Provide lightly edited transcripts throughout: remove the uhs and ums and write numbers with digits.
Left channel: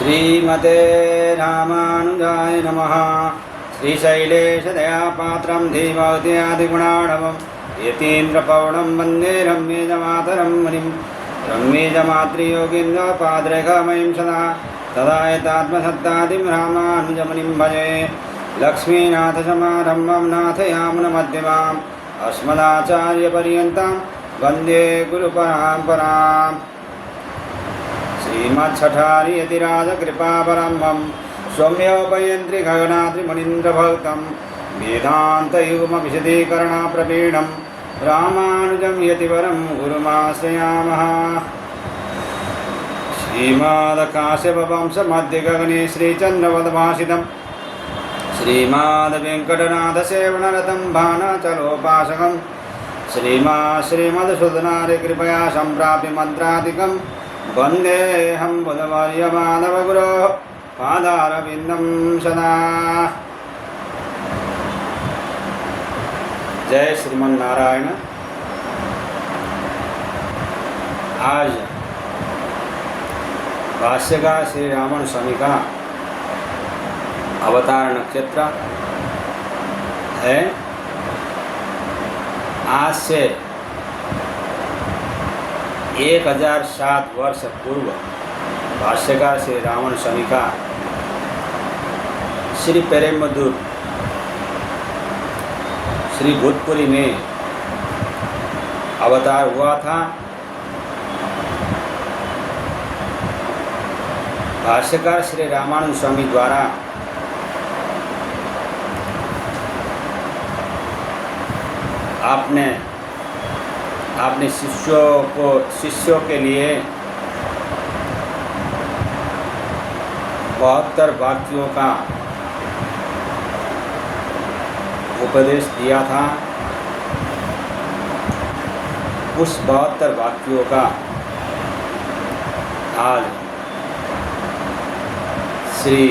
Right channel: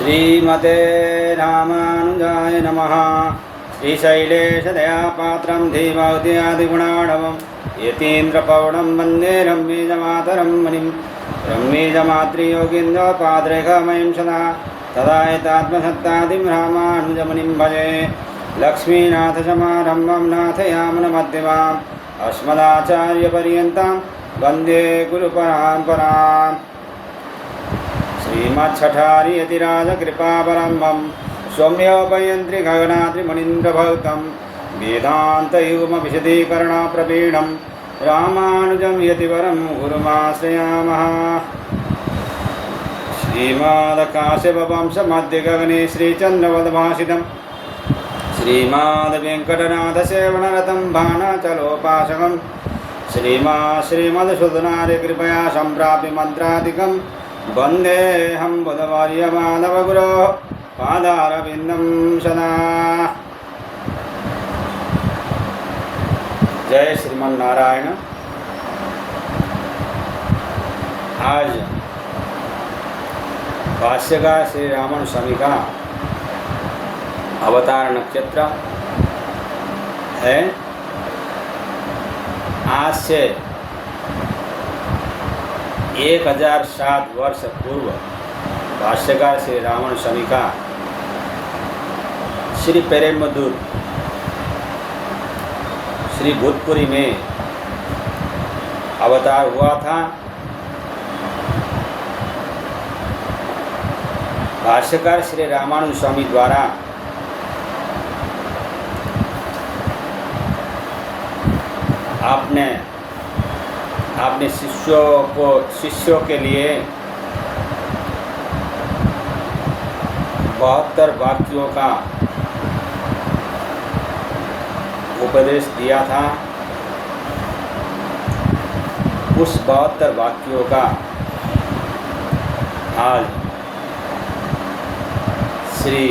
श्रीमते रामानुजाय नमः। श्रीशैलेशदयापात्रं धीमौद्यादिगुणाणवं यतीन्द्रपौढं वन्दे रम्यजमातरं मुनिं। रम्यजमातृयोगीन्द्रपाद्रेखमयं सदा तदायतात्मसत्तादिं रामानुजमुनिं भजे। लक्ष्मीनाथसमारम्भं नाथयामुनमध्यमाम् अस्मदाचार्यपर्यन्तं वन्दे गुरुपरम्पराम्। श्रीमच्छठारियतिराजकृपावलम्बं सौम्योपयन्त्रि गगनाद्रिमुनीन्द्रभक्तं वेदान्तयोगविशदीकरणप्रवीणं रामानुजं यतिवरं गुरुमाश्रयामः। श्रीमद्काश्यपवंशमध्यगगने श्रीचन्द्रवदभासितं श्रीमद्वेङ्कटनाथसेवनरतं भानाचलोपासकं श्रीमद्सुधनार्यकृपया सम्प्राप्य मन्त्रादिकं वन्देऽहं बुधवर्यमाधवगुरोः पादारविन्दं सदा। जय श्रीमन नारायण। आज भाष्यकार श्री रामन स्वामी का अवतार नक्षत्र है। आज से 1007 वर्ष पूर्व भाष्यकार श्री रामन स्वामी का श्री पेरेम्बदूर श्री भूतपुरी में अवतार हुआ था। भाष्यकार श्री रामानुज स्वामी द्वारा आपने अपने शिष्यों के लिए 72 वाक्यों का उपदेश दिया था। उस 72 वाक्यों का आज श्री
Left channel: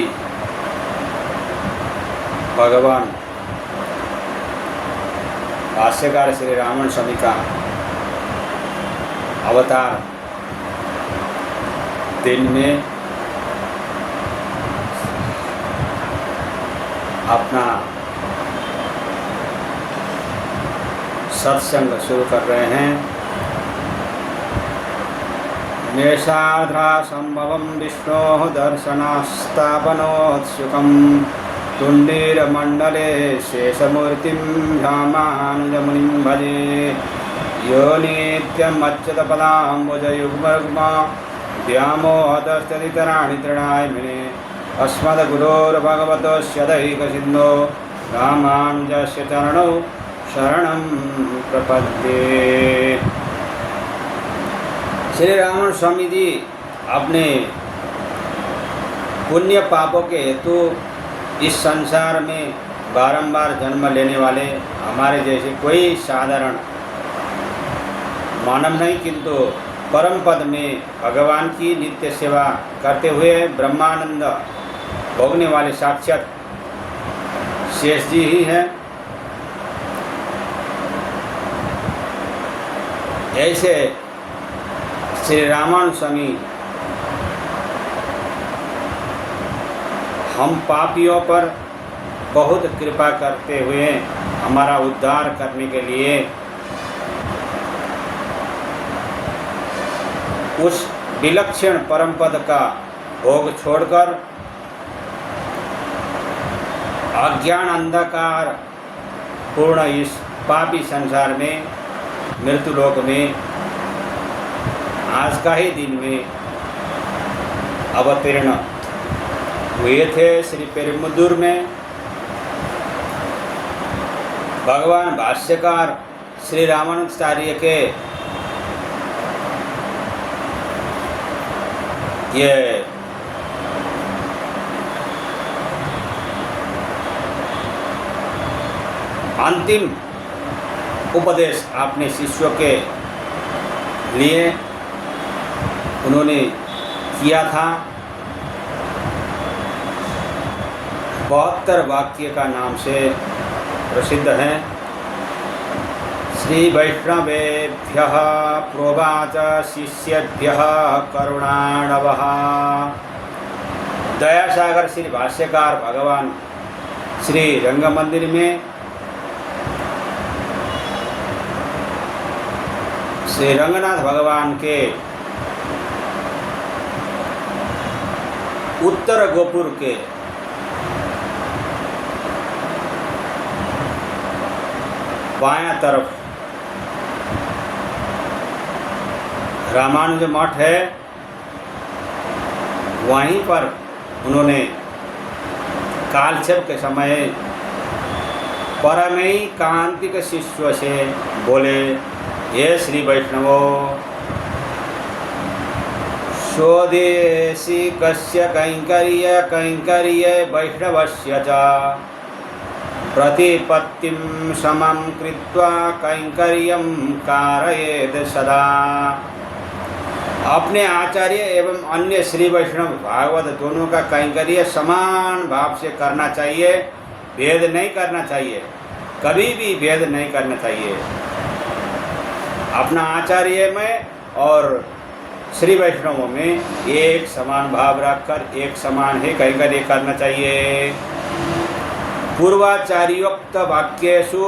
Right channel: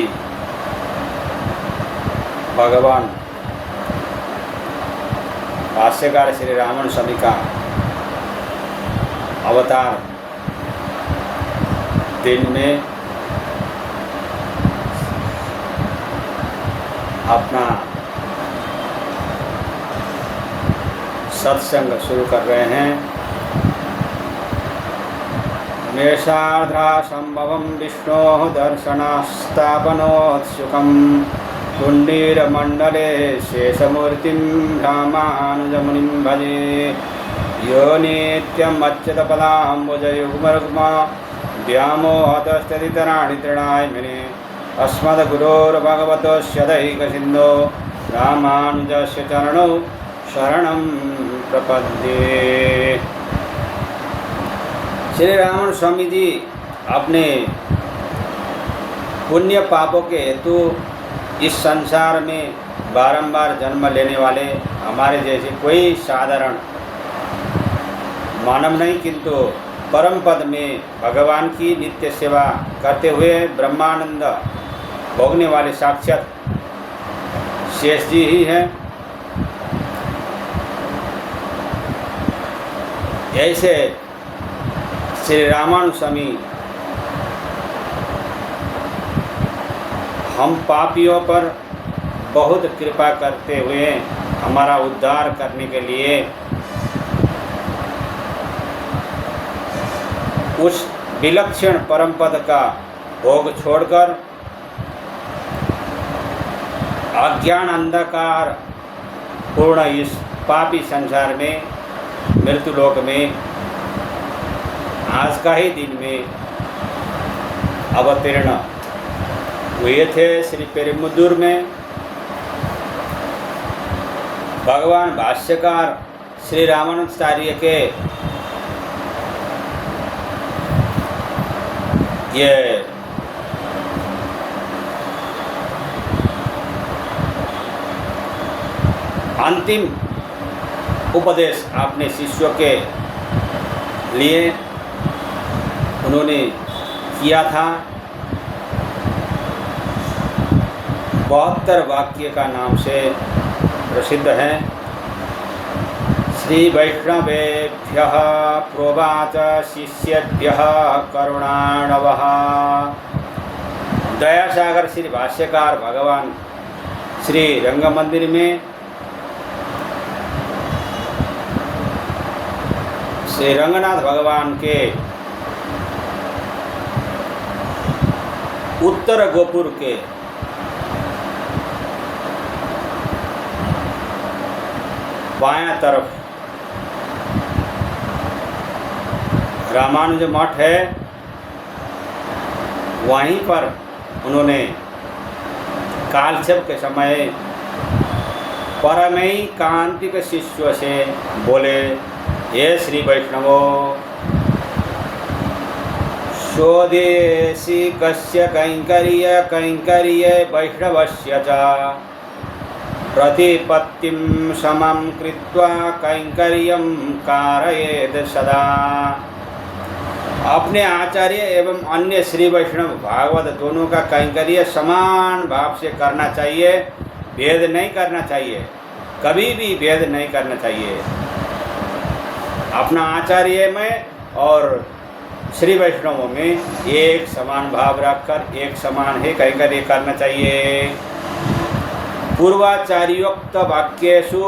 भगवान भाष्यकार श्री रामन स्वामी का अवतार दिन में अपना सत्संग शुरू कर रहे हैं। मेषाधा संभवं विष्णोः दर्शनास्थापनोत्सुकं तुण्डीरमण्डले शेषमूर्तिं रामानुजमुनिं भजे। यो नित्यम् अच्युतपदाम्बुजयुग्मरुग्मा व्यामोहतस्तदितराणि तृणाय मेने अस्मद्गुरोर्भगवतोऽस्य दैकसिन्धो रामानुजस्य चरणौ शरणं प्रपद्ये। श्री रामन स्वामी जी अपने पुण्य पापों के हेतु इस संसार में बारंबार जन्म लेने वाले हमारे जैसे कोई साधारण मानव नहीं, किंतु परम पद में भगवान की नित्य सेवा करते हुए ब्रह्मानंद भोगने वाले साक्षात शेष जी ही हैं। ऐसे श्री रामानुज स्वामी हम पापियों पर बहुत कृपा करते हुए हमारा उद्धार करने के लिए उस विलक्षण परम पद का भोग छोड़कर अज्ञान अंधकार पूर्ण इस पापी संसार में मृत्यु लोक में आज का ही दिन में अवतीर्ण हुए थे। श्री पेरुम्बदूर में भगवान भाष्यकार श्री रामानुजाचार्य के ये अंतिम उपदेश अपने शिष्यों के लिए उन्होंने किया था। 72 वाक्य का नाम से प्रसिद्ध है। श्री वैष्णवेभ्यः प्रोवाच शिष्येभ्यः करुणाणवः सागर श्री भाष्यकार भगवान श्री रंग मंदिर में श्री रंगनाथ भगवान के उत्तर गोपुर के बायां तरफ रामानुज मठ है, वहीं पर उन्होंने कालक्षेप के समय परमैकांतिक शिष्य से बोले, ये श्री वैष्णवो स्वदेशी कस्य कैंकर्य कैंकर्य वैष्णवस्य च प्रतिपत्तिं समं कृत्वा कैंकर्यं कारयेत् सदा। अपने आचार्य एवं अन्य श्री वैष्णव भागवत दोनों का कैंकर्य समान भाव से करना चाहिए, भेद नहीं करना चाहिए, कभी भी भेद नहीं करना चाहिए। अपना आचार्य में और श्री वैष्णवों में एक समान भाव रखकर एक समान ही कैंकर्य करना चाहिए। पूर्वाचार्योक्त वाक्येषु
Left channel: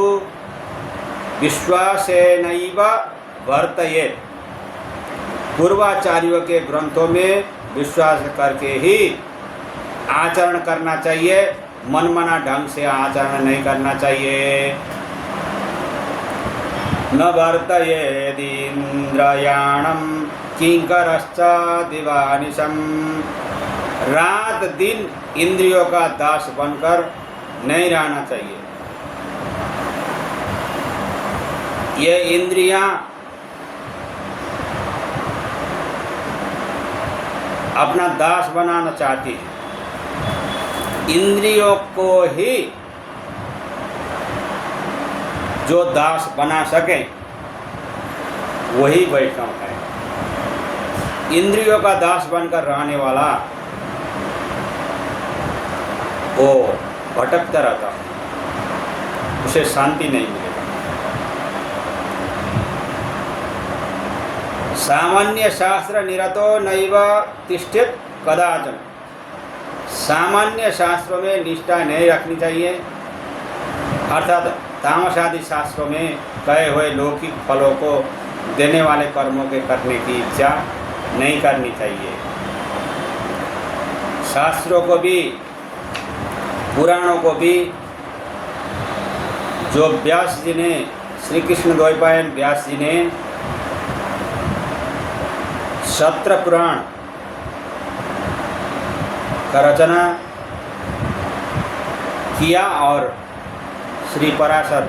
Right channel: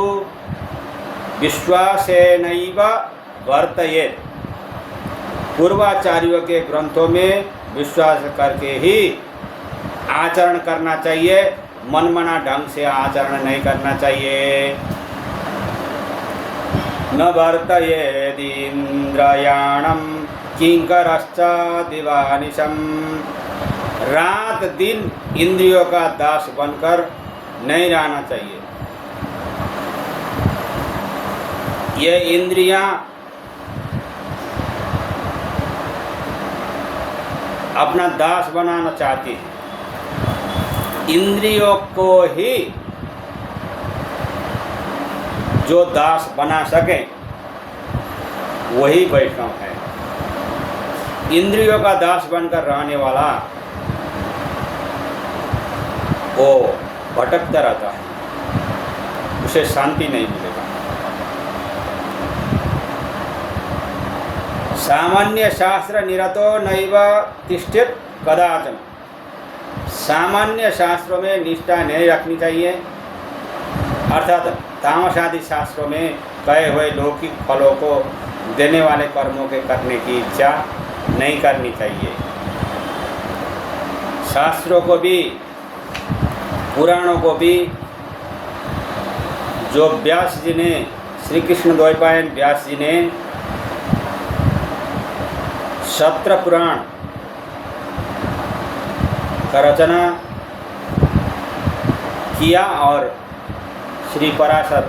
विश्वासेनैव वर्तयेत्। पूर्वाचार्यों के ग्रंथों में विश्वास करके ही आचरण करना चाहिए, मनमाना ढंग से आचरण नहीं करना चाहिए। न वर्तयेदिन्द्रियाणं किंकरश्च दिवानिशं। रात दिन इंद्रियों का दास बनकर नहीं रहना चाहिए। ये इंद्रियां अपना दास बनाना चाहती है। इंद्रियों को ही जो दास बना सके वही वैष्णव है। इंद्रियों का दास बनकर रहने वाला वो भटकता रहता, उसे शांति नहीं मिलेगी। सामान्य शास्त्र निरतो नैव तिष्ठेत् कदाचन। सामान्य शास्त्रों में निष्ठा नहीं रखनी चाहिए, अर्थात तामसादि शास्त्रों में कहे हुए लौकिक फलों को देने वाले कर्मों के करने की इच्छा नहीं करनी चाहिए। शास्त्रों को भी पुराणों को भी जो व्यास जी ने, श्री कृष्ण द्वैपायन व्यास जी ने सत्र पुराण का रचना किया और श्री पराशर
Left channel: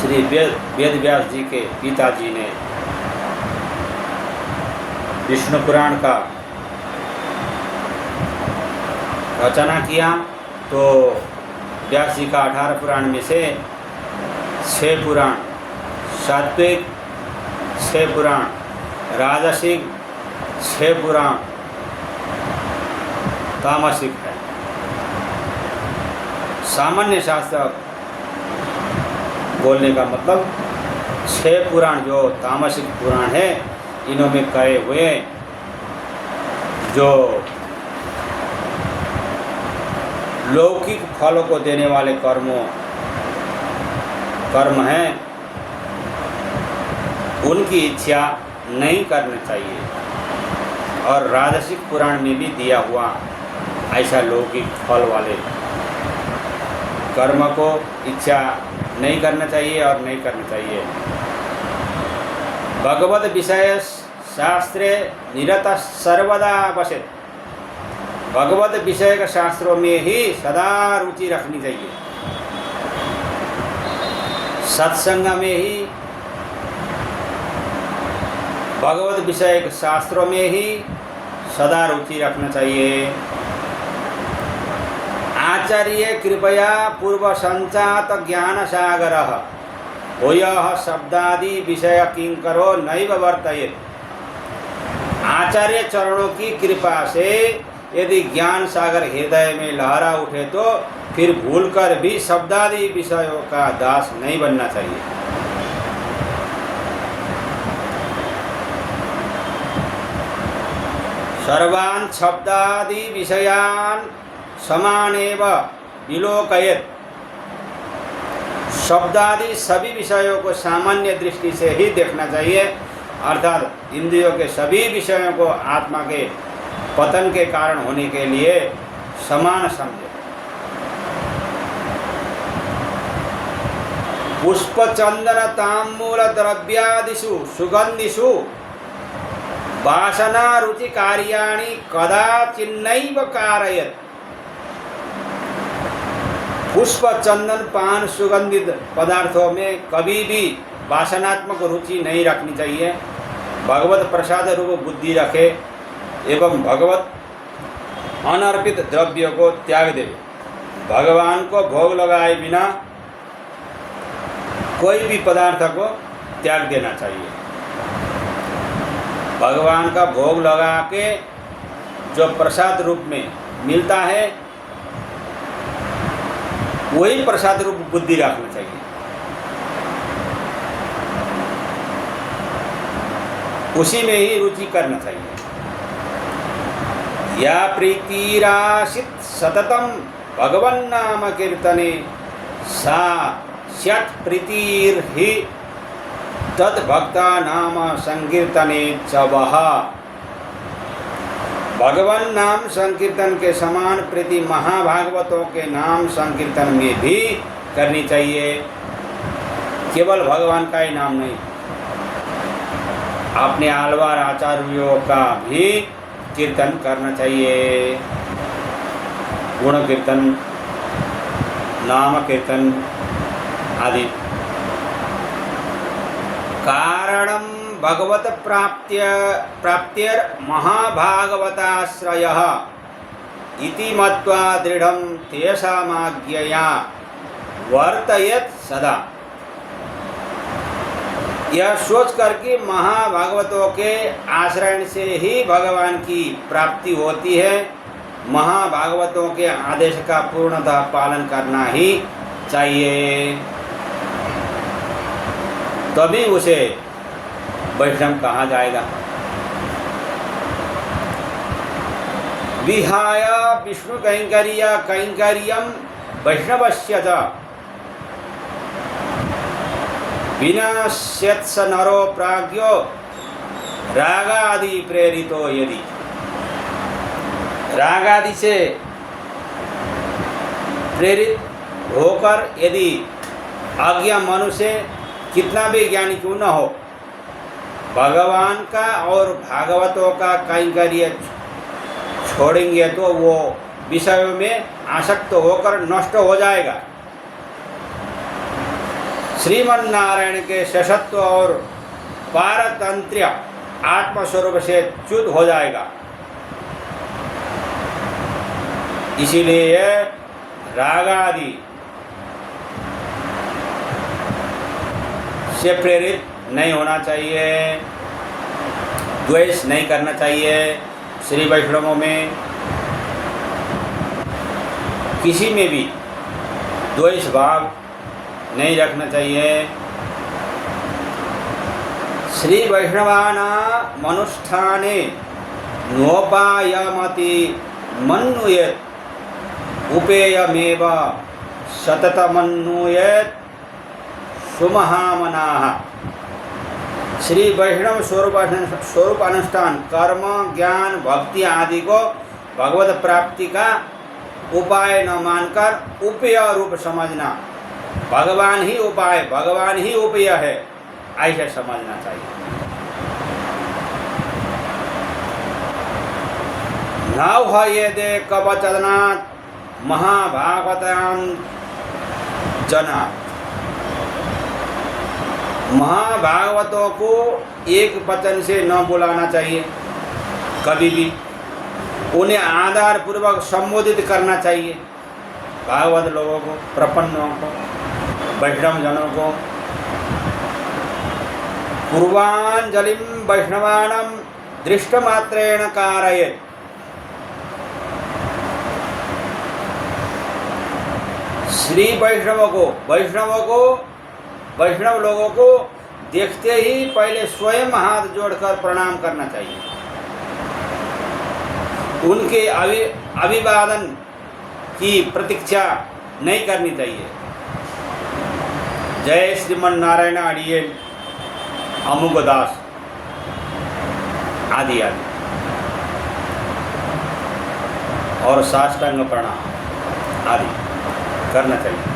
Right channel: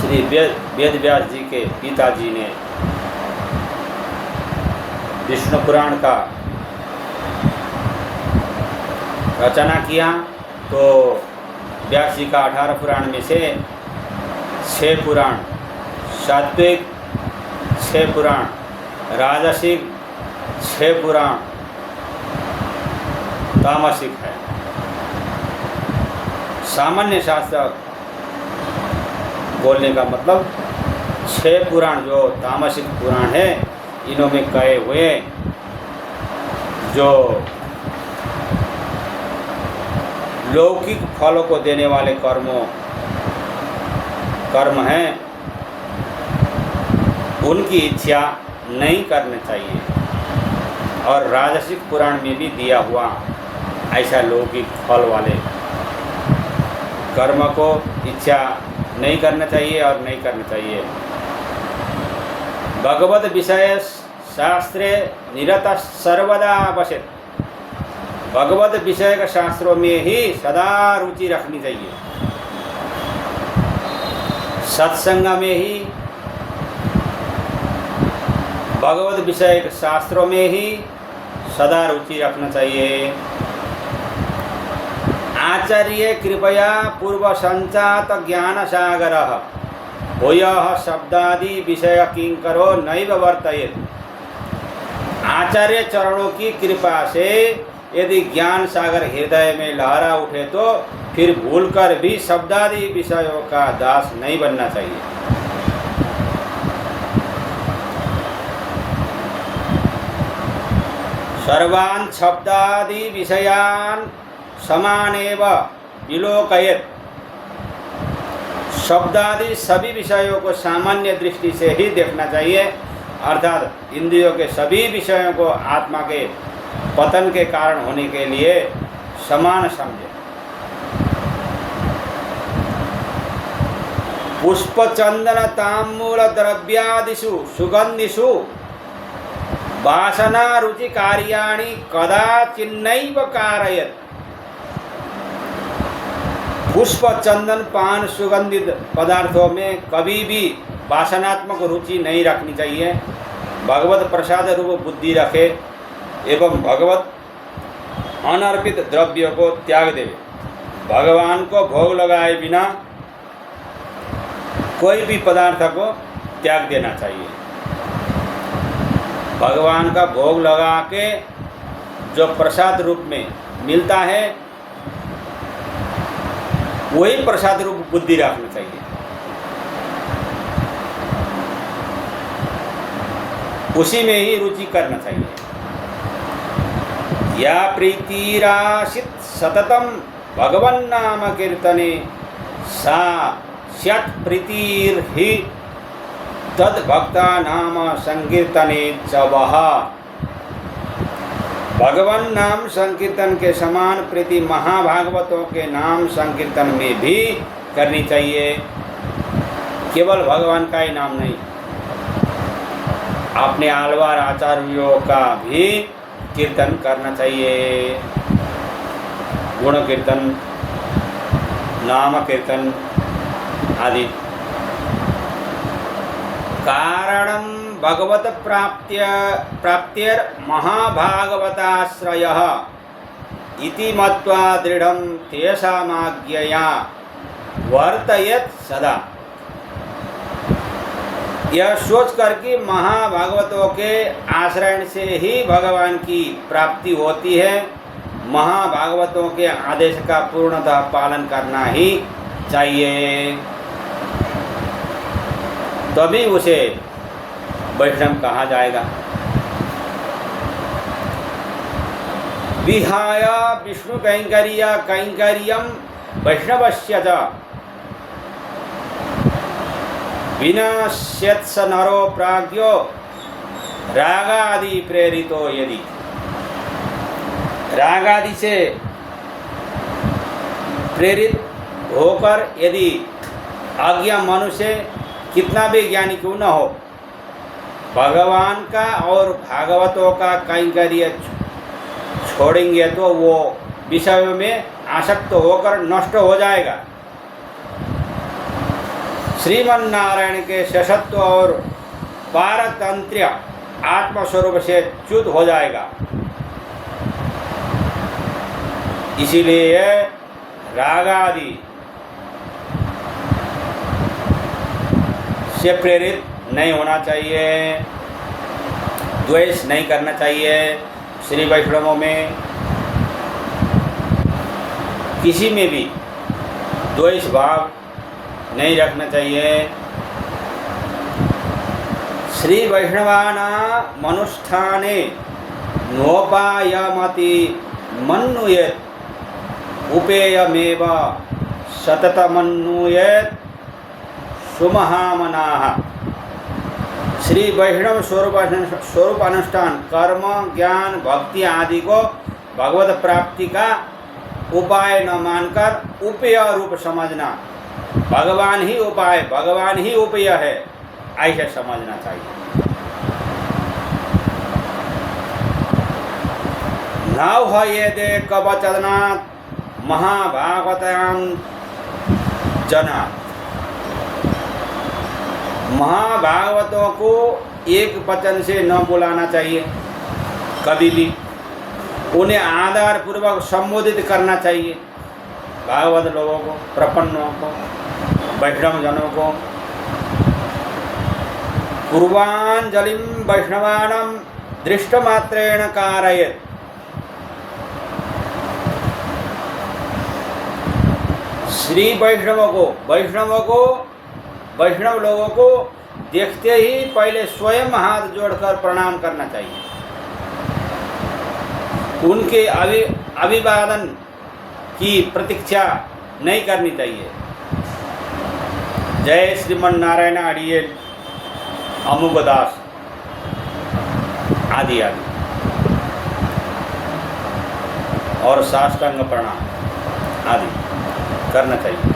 श्री वेद व्यास जी के पिताजी ने विष्णु पुराण का रचना किया, तो व्यास जी का 18 पुराण में से 6 पुराण सात्विक, 6 पुराण राजसिक, 6 पुराण तामसिक है। सामान्य शास्त्र बोलने का मतलब 6 पुराण जो तामसिक पुराण है, इन्हों में कहे हुए जो लौकिक फलों को देने वाले कर्म हैं, उनकी इच्छा नहीं करना चाहिए। और राजसिक पुराण में भी दिया हुआ ऐसा लौकिक फल वाले कर्म को इच्छा नहीं करना चाहिए और नहीं करना चाहिए। भगवत विषय शास्त्रे निरत सर्वदा वसेत्। भगवत विषय के शास्त्रों में ही सदा रुचि रखनी चाहिए। सत्संग में ही, भगवत विषय के शास्त्रों में ही सदा रुचि रखना चाहिए। आचार्य कृपया पूर्व संचात ज्ञान सागर भूयः शब्दादि विषय किंकरो नैव वर्तयेत्। आचार्य चरणों की कृपा से यदि ज्ञान सागर हृदय में लहरा उठे तो फिर भूलकर भी शब्दादि विषयों का दास नहीं बनना चाहिए। सर्वान् शब्दादि विषयान् समानेव विलोकयेत्। शब्दादि सभी विषयों को सामान्य दृष्टि से ही देखना चाहिए, अर्थात इंद्रियों के सभी विषयों को आत्मा के पतन के कारण होने के लिए समान समझे। पुष्प चंदन तांबूल द्रव्यादिषु सुगंधिषु वासना रुचि कार्याणि कदाचिन्नैव कारयेत्। पुष्प चंदन पान सुगंधित पदार्थों में कभी भी वासनात्मक रुचि नहीं रखनी चाहिए। भगवत प्रसाद रूप बुद्धि रखे एवं भगवत अनर्पित द्रव्य को त्याग दे। भगवान को भोग लगाए बिना कोई भी पदार्थ को त्याग देना चाहिए। भगवान का भोग लगा के जो प्रसाद रूप में मिलता है वही प्रसाद रूप बुद्धि रखना चाहिए। उसी में ही रुचि करना चाहिए। या प्रीतिराशित सततम भगवन् नाम कीर्तने सा स्यात् प्रीतिर्हि तद्भक्ता नाम संकीर्तने च वः। भगवान नाम संकीर्तन के समान प्रीति महाभागवतों के नाम संकीर्तन में भी करनी चाहिए। केवल भगवान का ही नाम नहीं, अपने आलवार आचार्यों का भी कीर्तन करना चाहिए। गुण कीर्तन, नाम कीर्तन आदि। कारणम भगवत प्राप्तिर महाभागवताश्रयः इति मत्वा दृढ़ं तेषामाज्ञया वर्तयेत् सदा। यह सोच कर कि महाभागवतों के आश्रय से ही भगवान की प्राप्ति होती है, महाभागवतों के आदेश का पूर्णतः पालन करना ही चाहिए, तभी उसे वैष्णव कहा जाएगा। विहाय विष्णु कैंकर्यम वैष्णवस्य च विनश्यत्स नरो प्राज्ञो रागादि प्रेरितो यदि। रागादि से प्रेरित होकर यदि आज्ञा मनुष्य कितना भी ज्ञानी क्यों न हो, भगवान का और भागवतों का कैंकर्य छोड़ेंगे तो वो विषय में आसक्त होकर नष्ट हो जाएगा। श्रीमन्नारायण के शशत्व और पारतंत्र्य आत्मस्वरूप से च्युत हो जाएगा। इसीलिए रागादि से प्रेरित नहीं होना चाहिए, द्वेष नहीं करना चाहिए। श्री वैष्णवों में किसी में भी द्वेष भाव नहीं रखना चाहिए। श्री वैष्णवाना मनुष्ठाने नोपायमति मन्नुयेत् उपेयमेव सततमन्नुयेत् सुमहामनाः। श्री वैष्णव स्वरूप अनुष्ठान, कर्म, ज्ञान, भक्ति आदि को भगवत प्राप्ति का उपाय न मानकर उपेय रूप समझना। भगवान ही उपाय, भगवान ही उपेय है, ऐसे समझना चाहिए। नव ये दे कवचनात् महाभागवतां जनात्। महाभागवतों को एक वचन से न बुलाना चाहिए, कभी भी उन्हें आदर पूर्वक संबोधित करना चाहिए। भागवत लोगों को, प्रपन्नों को, वैष्णव जनों को पूर्वांजलिं वैष्णवानां दृष्टमात्रेण कारयेत्। श्री वैष्णव लोगों को देखते ही पहले स्वयं हाथ जोड़कर प्रणाम करना चाहिए। उनके अभिवादन की प्रतीक्षा नहीं करनी चाहिए। जय श्रीमन नारायण अड़ियल अमुकदास आदि आदि और साष्टांग प्रणाम आदि करना चाहिए।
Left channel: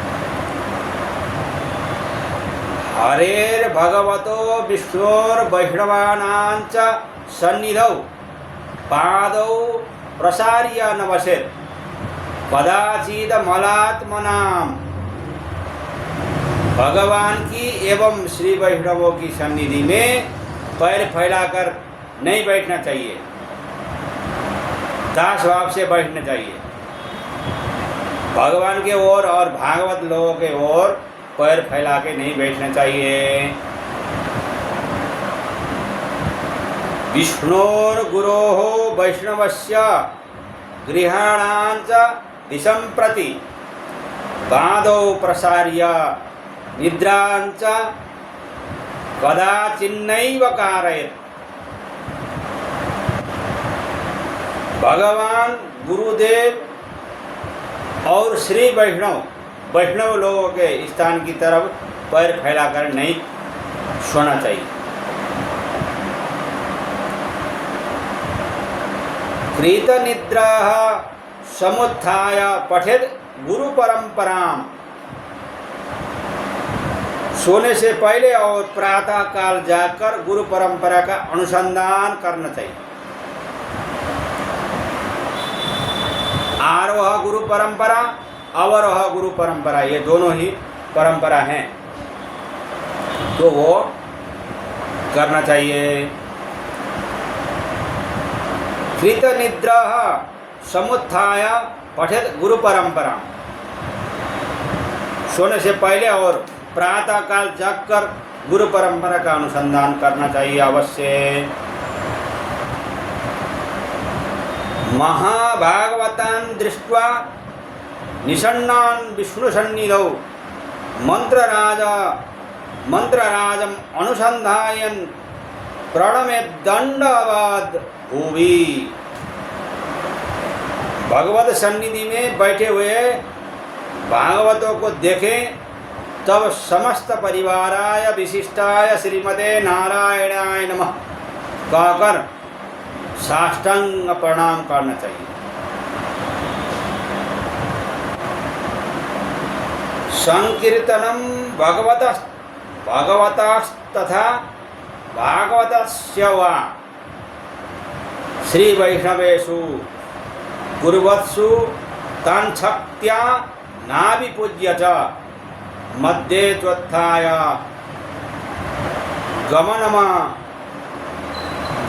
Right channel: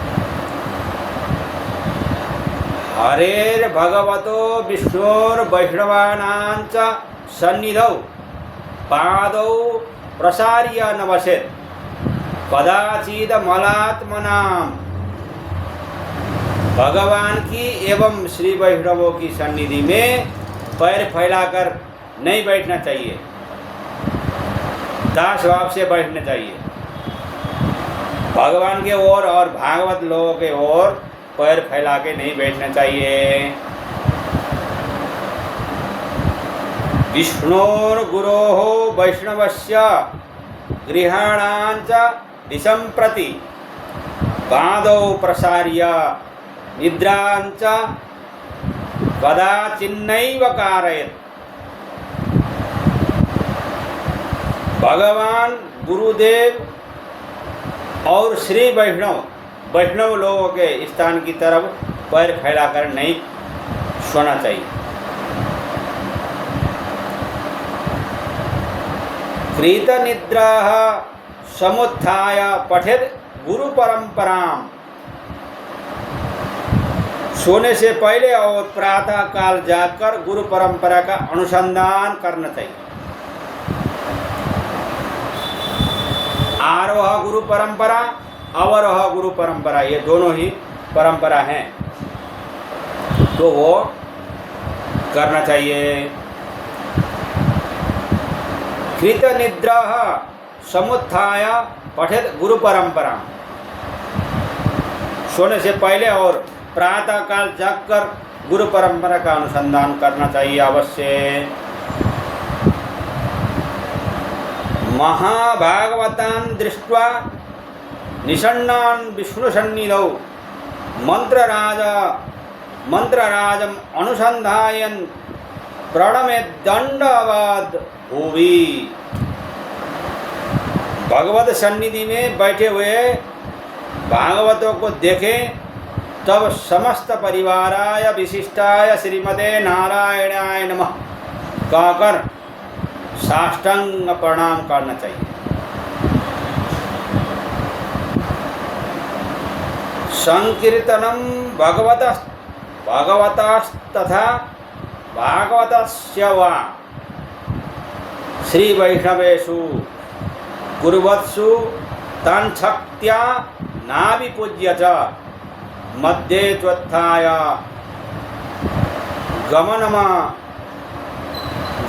हरेर भगवतो विष्णोर वैष्णवानां च सन्निधौ पादौ प्रसार्य नमस्येत् कदाचित् मलात्मनाम्। भगवान की एवं श्री वैष्णवों की सन्निधि में पैर फैलाकर नहीं बैठना चाहिए, दास भाव से बैठना चाहिए। भगवान के ओर और भागवत लोगों के ओर पैर फैला के नहीं बैठना चाहिए। विष्णोर गुरोः वैष्णवस्य गृहाणांच दिशं प्रति पादौ प्रसार्य निद्रांच कदाचिन्नैव कारयेत्। भगवान गुरुदेव और श्री वैष्णव लोगों के स्थान की तरफ पैर फैलाकर नहीं सोना चाहिए। कृत निद्रा समुत्थाय पठेत् गुरु परंपराम। सोने से पहले और प्रातः काल जाकर गुरु परंपरा का अनुसंधान करना चाहिए। आरोह गुरु परंपरा, अवरोह गुरु परंपरा, ये दोनों ही परंपरा हैं, तो वो करना चाहिए। कृत निद्रा समुत्थाय पठेत् गुरु परंपरा। सोने से पहले और प्रातः काल जागकर गुरु परंपरा का अनुसंधान करना चाहिए अवश्य। महाभागवतान् दृष्ट्वा निषण्णान् विष्णुसन्निधौ मंत्रराजम् अनुसंधायन् प्रणमे दंडवत् भूवि। भगवत सन्निधि में बैठे हुए भागवतों को देखें तब समस्त परिवाराय विशिष्टाय श्रीमते नारायणाय नमः कहकर साष्टांग प्रणाम करना चाहिए। संकीर्तनम भगवतस्तथा भागवतस्य वा श्री वैष्णवेषु कुर्वत्सु तन्शक्त्या नाभिपूज्य च मध्ये त्वत्थाय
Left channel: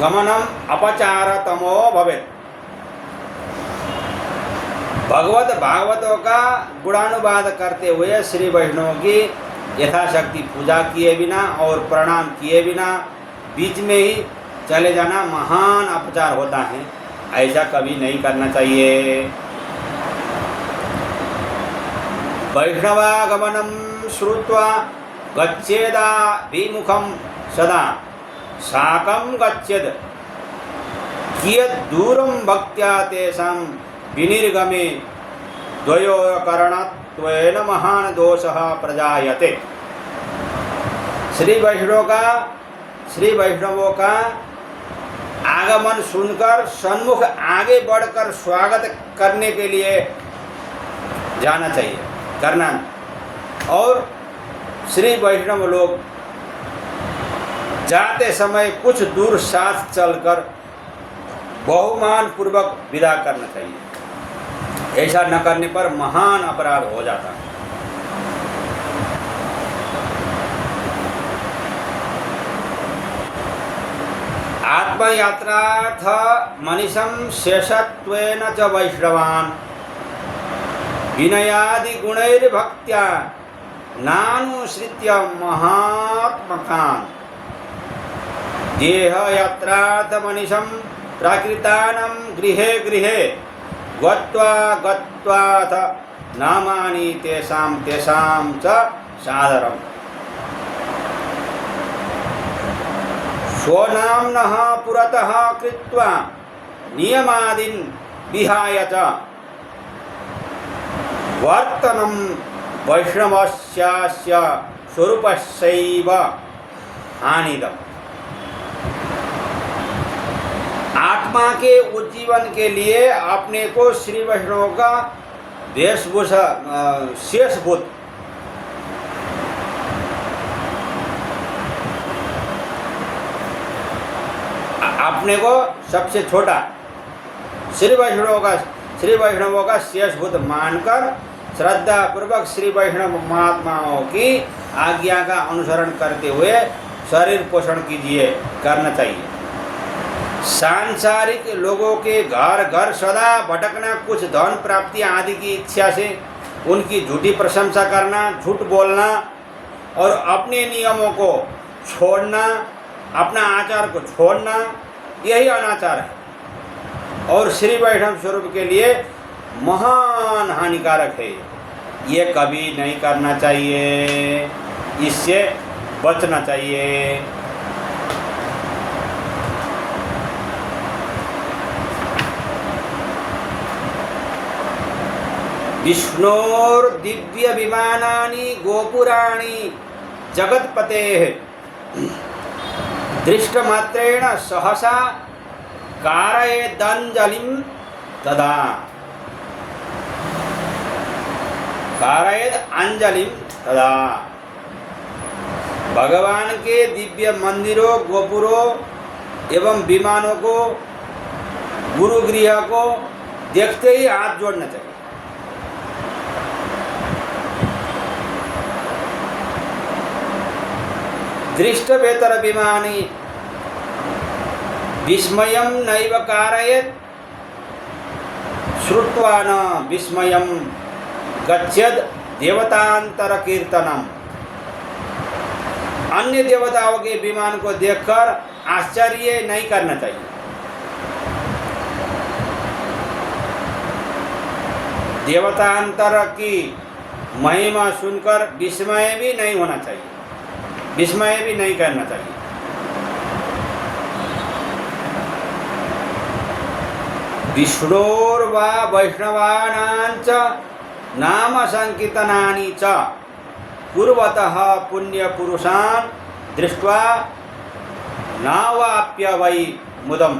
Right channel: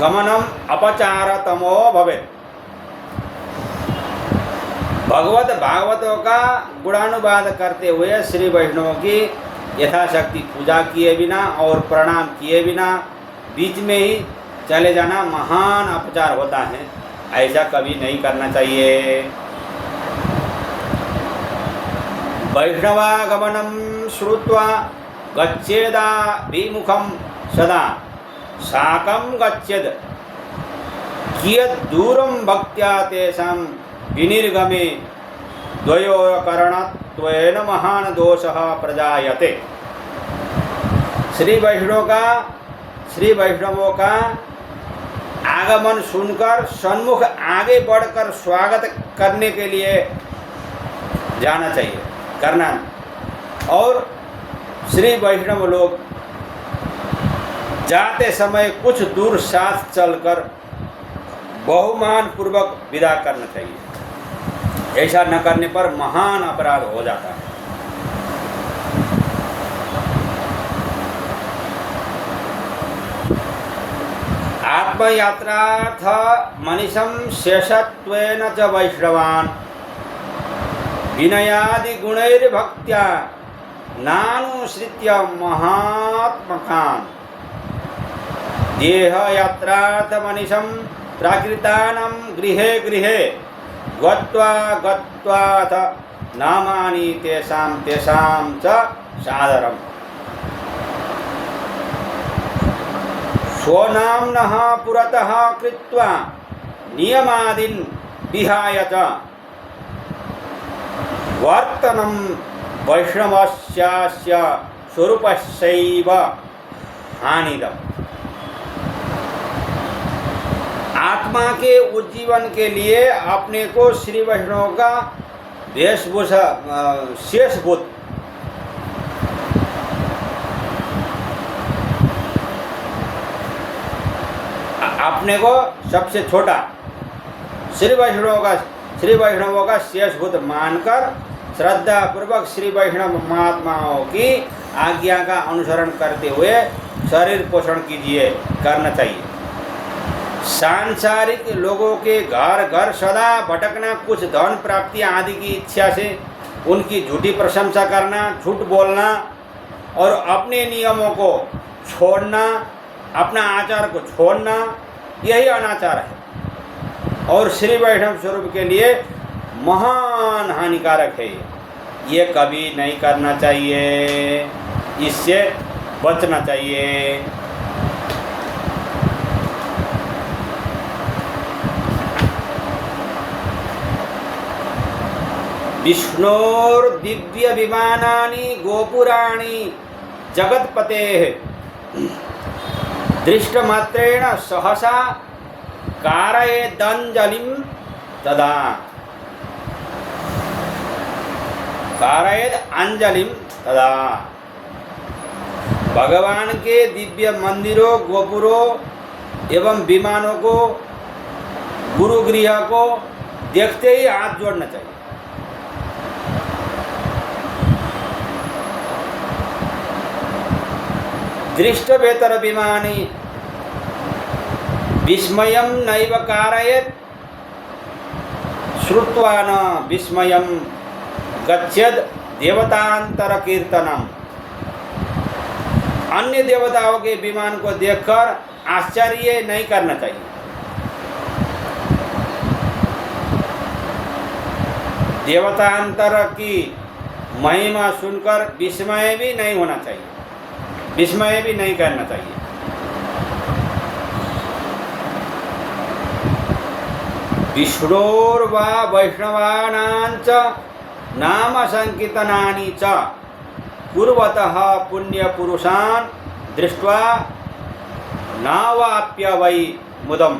गमनम अपचारतमो भवेत्। भागवतों का गुणानुवाद करते हुए श्री वैष्णवों की यथाशक्ति पूजा किए बिना और प्रणाम किए बिना बीच में ही चले जाना महान अपचार होता है। ऐसा कभी नहीं करना चाहिए। वैष्णवागमनं श्रुत्वा गच्छेदा विमुखं सदा साकं गच्छेत् कियत् दूरं भक्त्या तेषां विनिर्गमे द्वयोकरणत्वेन महान दोषः प्रजायते। श्री वैष्णवों का आगमन सुनकर सन्मुख आगे बढ़कर स्वागत करने के लिए जाना चाहिए, करना। और श्री वैष्णव लोग जाते समय कुछ दूर साथ चलकर बहुमान पूर्वक विदा करना चाहिए। ऐसा न करने पर महान अपराध हो जाता है। आत्मयात्रार्थ मनीषं शेषत्वेन च वैष्णवान् विनयादि गुणैर्भक्त्या नानुसृत्य महात्मकान् देहयात्रार्थ मनीषं प्राकृतानां गृहे गृहे गत्वा गत्वाथ नामानि तेषां च सादरम्। स्वनाम्नः पुरतः कृत्वा नियमादीन् विहाय च वर्तनं वैष्णवस्यास्य स्वरूपस्यैव हानिदम्। आत्मा के उज्जीवन के लिए अपने को श्री वैष्णव का वेशभूषा शेषभूत अपने को सबसे छोटा श्री वैष्णवों का शेषभूत मानकर श्रद्धा पूर्वक श्री वैष्णव महात्माओं की आज्ञा का अनुसरण करते हुए शरीर पोषण कीजिए, करना चाहिए। सांसारिक लोगों के घर घर सदा भटकना, कुछ धन प्राप्ति आदि की इच्छा से उनकी झूठी प्रशंसा करना, झूठ बोलना और अपने नियमों को छोड़ना, अपना आचार को छोड़ना, यही अनाचार है और श्री वैष्णव स्वरूप के लिए महान हानिकारक है। ये कभी नहीं करना चाहिए, इससे बचना चाहिए। विष्णोर दिव्य विमानानि गोपुराणि जगत्पतेः दृष्टमात्रेण सहसा कारयेदंजलिं तदा कारयेद अंजलिं तदा। भगवान के दिव्य मंदिरों, गोपुरों एवं विमानों को, गुरुगृह को देखते ही हाथ जोड़ना चाहिए। दृष्टवेतर विमानी विस्मयं नैव कारयेत् श्रुत्वा न विस्मयं गच्छेत् देवतांतर कीर्तनम। अन्य देवताओं के विमान को देखकर आश्चर्य नहीं करना चाहिए। देवतांतर की महिमा सुनकर विस्मय भी नहीं होना चाहिए, विस्मय भी नहीं करना चाहिए। विष्णोर्वा वैष्णवानांच नाम संकीर्तनानि च कुर्वतः पुण्य पुरुषान् दृष्ट्वा नावाप्य वै मुदम्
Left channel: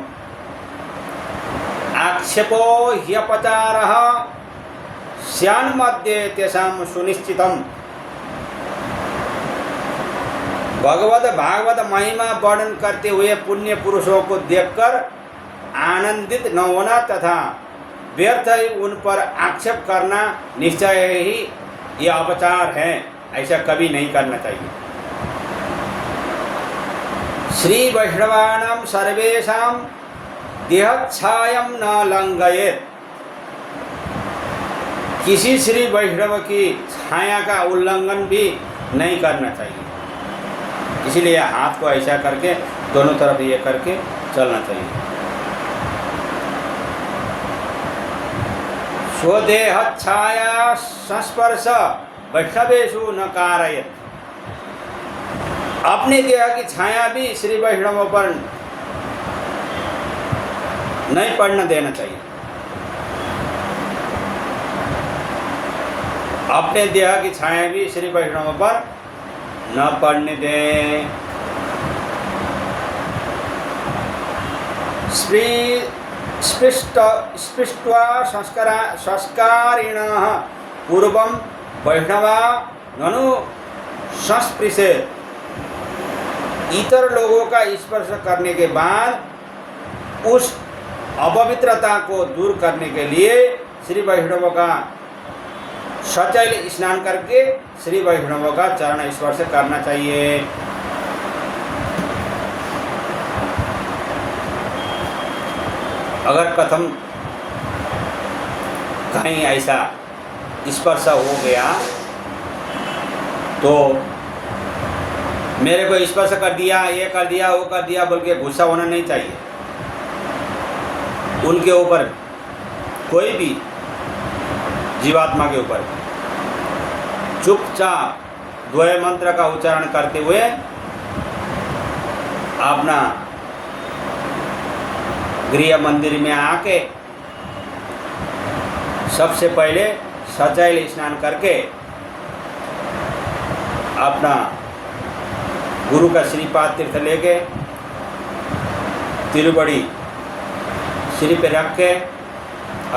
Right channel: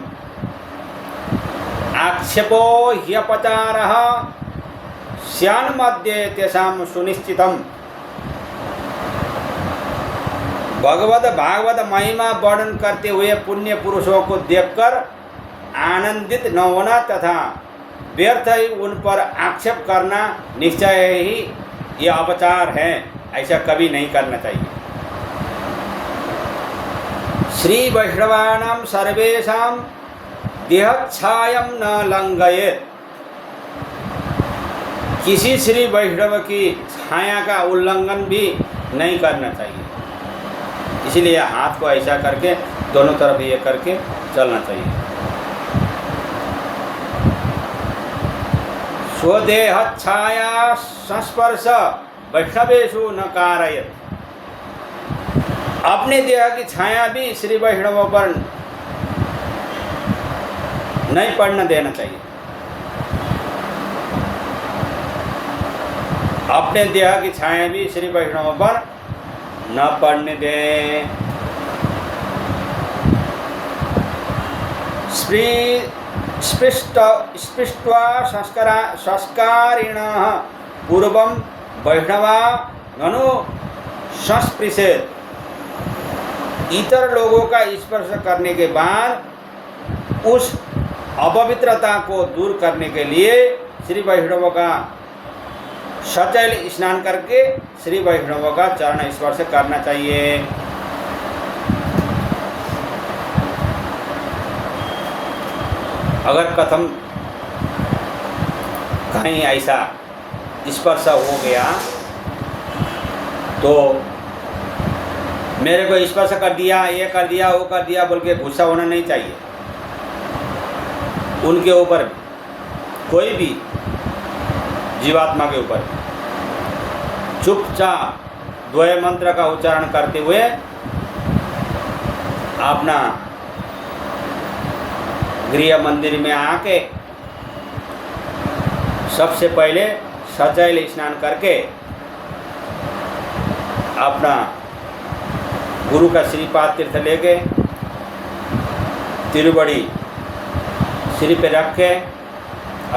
आक्षेपो ह्यपचारः स्यान्मध्ये तेषां सुनिश्चितम्। भागवत महिमा वर्णन करते हुए पुण्य पुरुषों को देखकर आनंदित न होना तथा व्यर्थ ही उन पर आक्षेप करना निश्चय ही यह अपचार है, ऐसा कभी नहीं करना चाहिए। श्री वैष्णवानां सर्वेषां देहच्छायं न लंघयेत्। किसी श्री वैष्णव की छाया का उल्लंघन भी नहीं करना चाहिए। इसीलिए हाथ को ऐसा करके दोनों तरफ ये करके चलना चाहिए। स्वदेह छाया संस्पर्श वैष्णवेषु न कारयेत्। अपने देह की छाया भी श्री वैष्णवों पर नहीं पड़ने देना चाहिए। अपने देह की छाया भी श्री वैष्णवों पर न पड़ने दे। स्पृष्ट्वा संस्कारिणः पूर्वं वैष्णवा ननु संस्पृशेत्। इतर लोगों का स्पर्श करने के बाद उस अपवित्रता को दूर करने के लिए श्री वैष्णवों का सचैल स्नान करके श्री वैष्णवों का चरण स्पर्श करना चाहिए। अगर कथम कहीं ऐसा स्पर्श हो गया तो मेरे को स्पर्श कर दिया, ये कर दिया, वो कर दिया बोल के गुस्सा होना नहीं चाहिए। उनके ऊपर कोई भी जीवात्मा के ऊपर चुपचाप द्वय मंत्र का उच्चारण करते हुए अपना गृह मंदिर में आके सबसे पहले सचैल स्नान करके अपना गुरु का श्रीपाद तीर्थ लेके तिरुबड़ी सिर पे रख के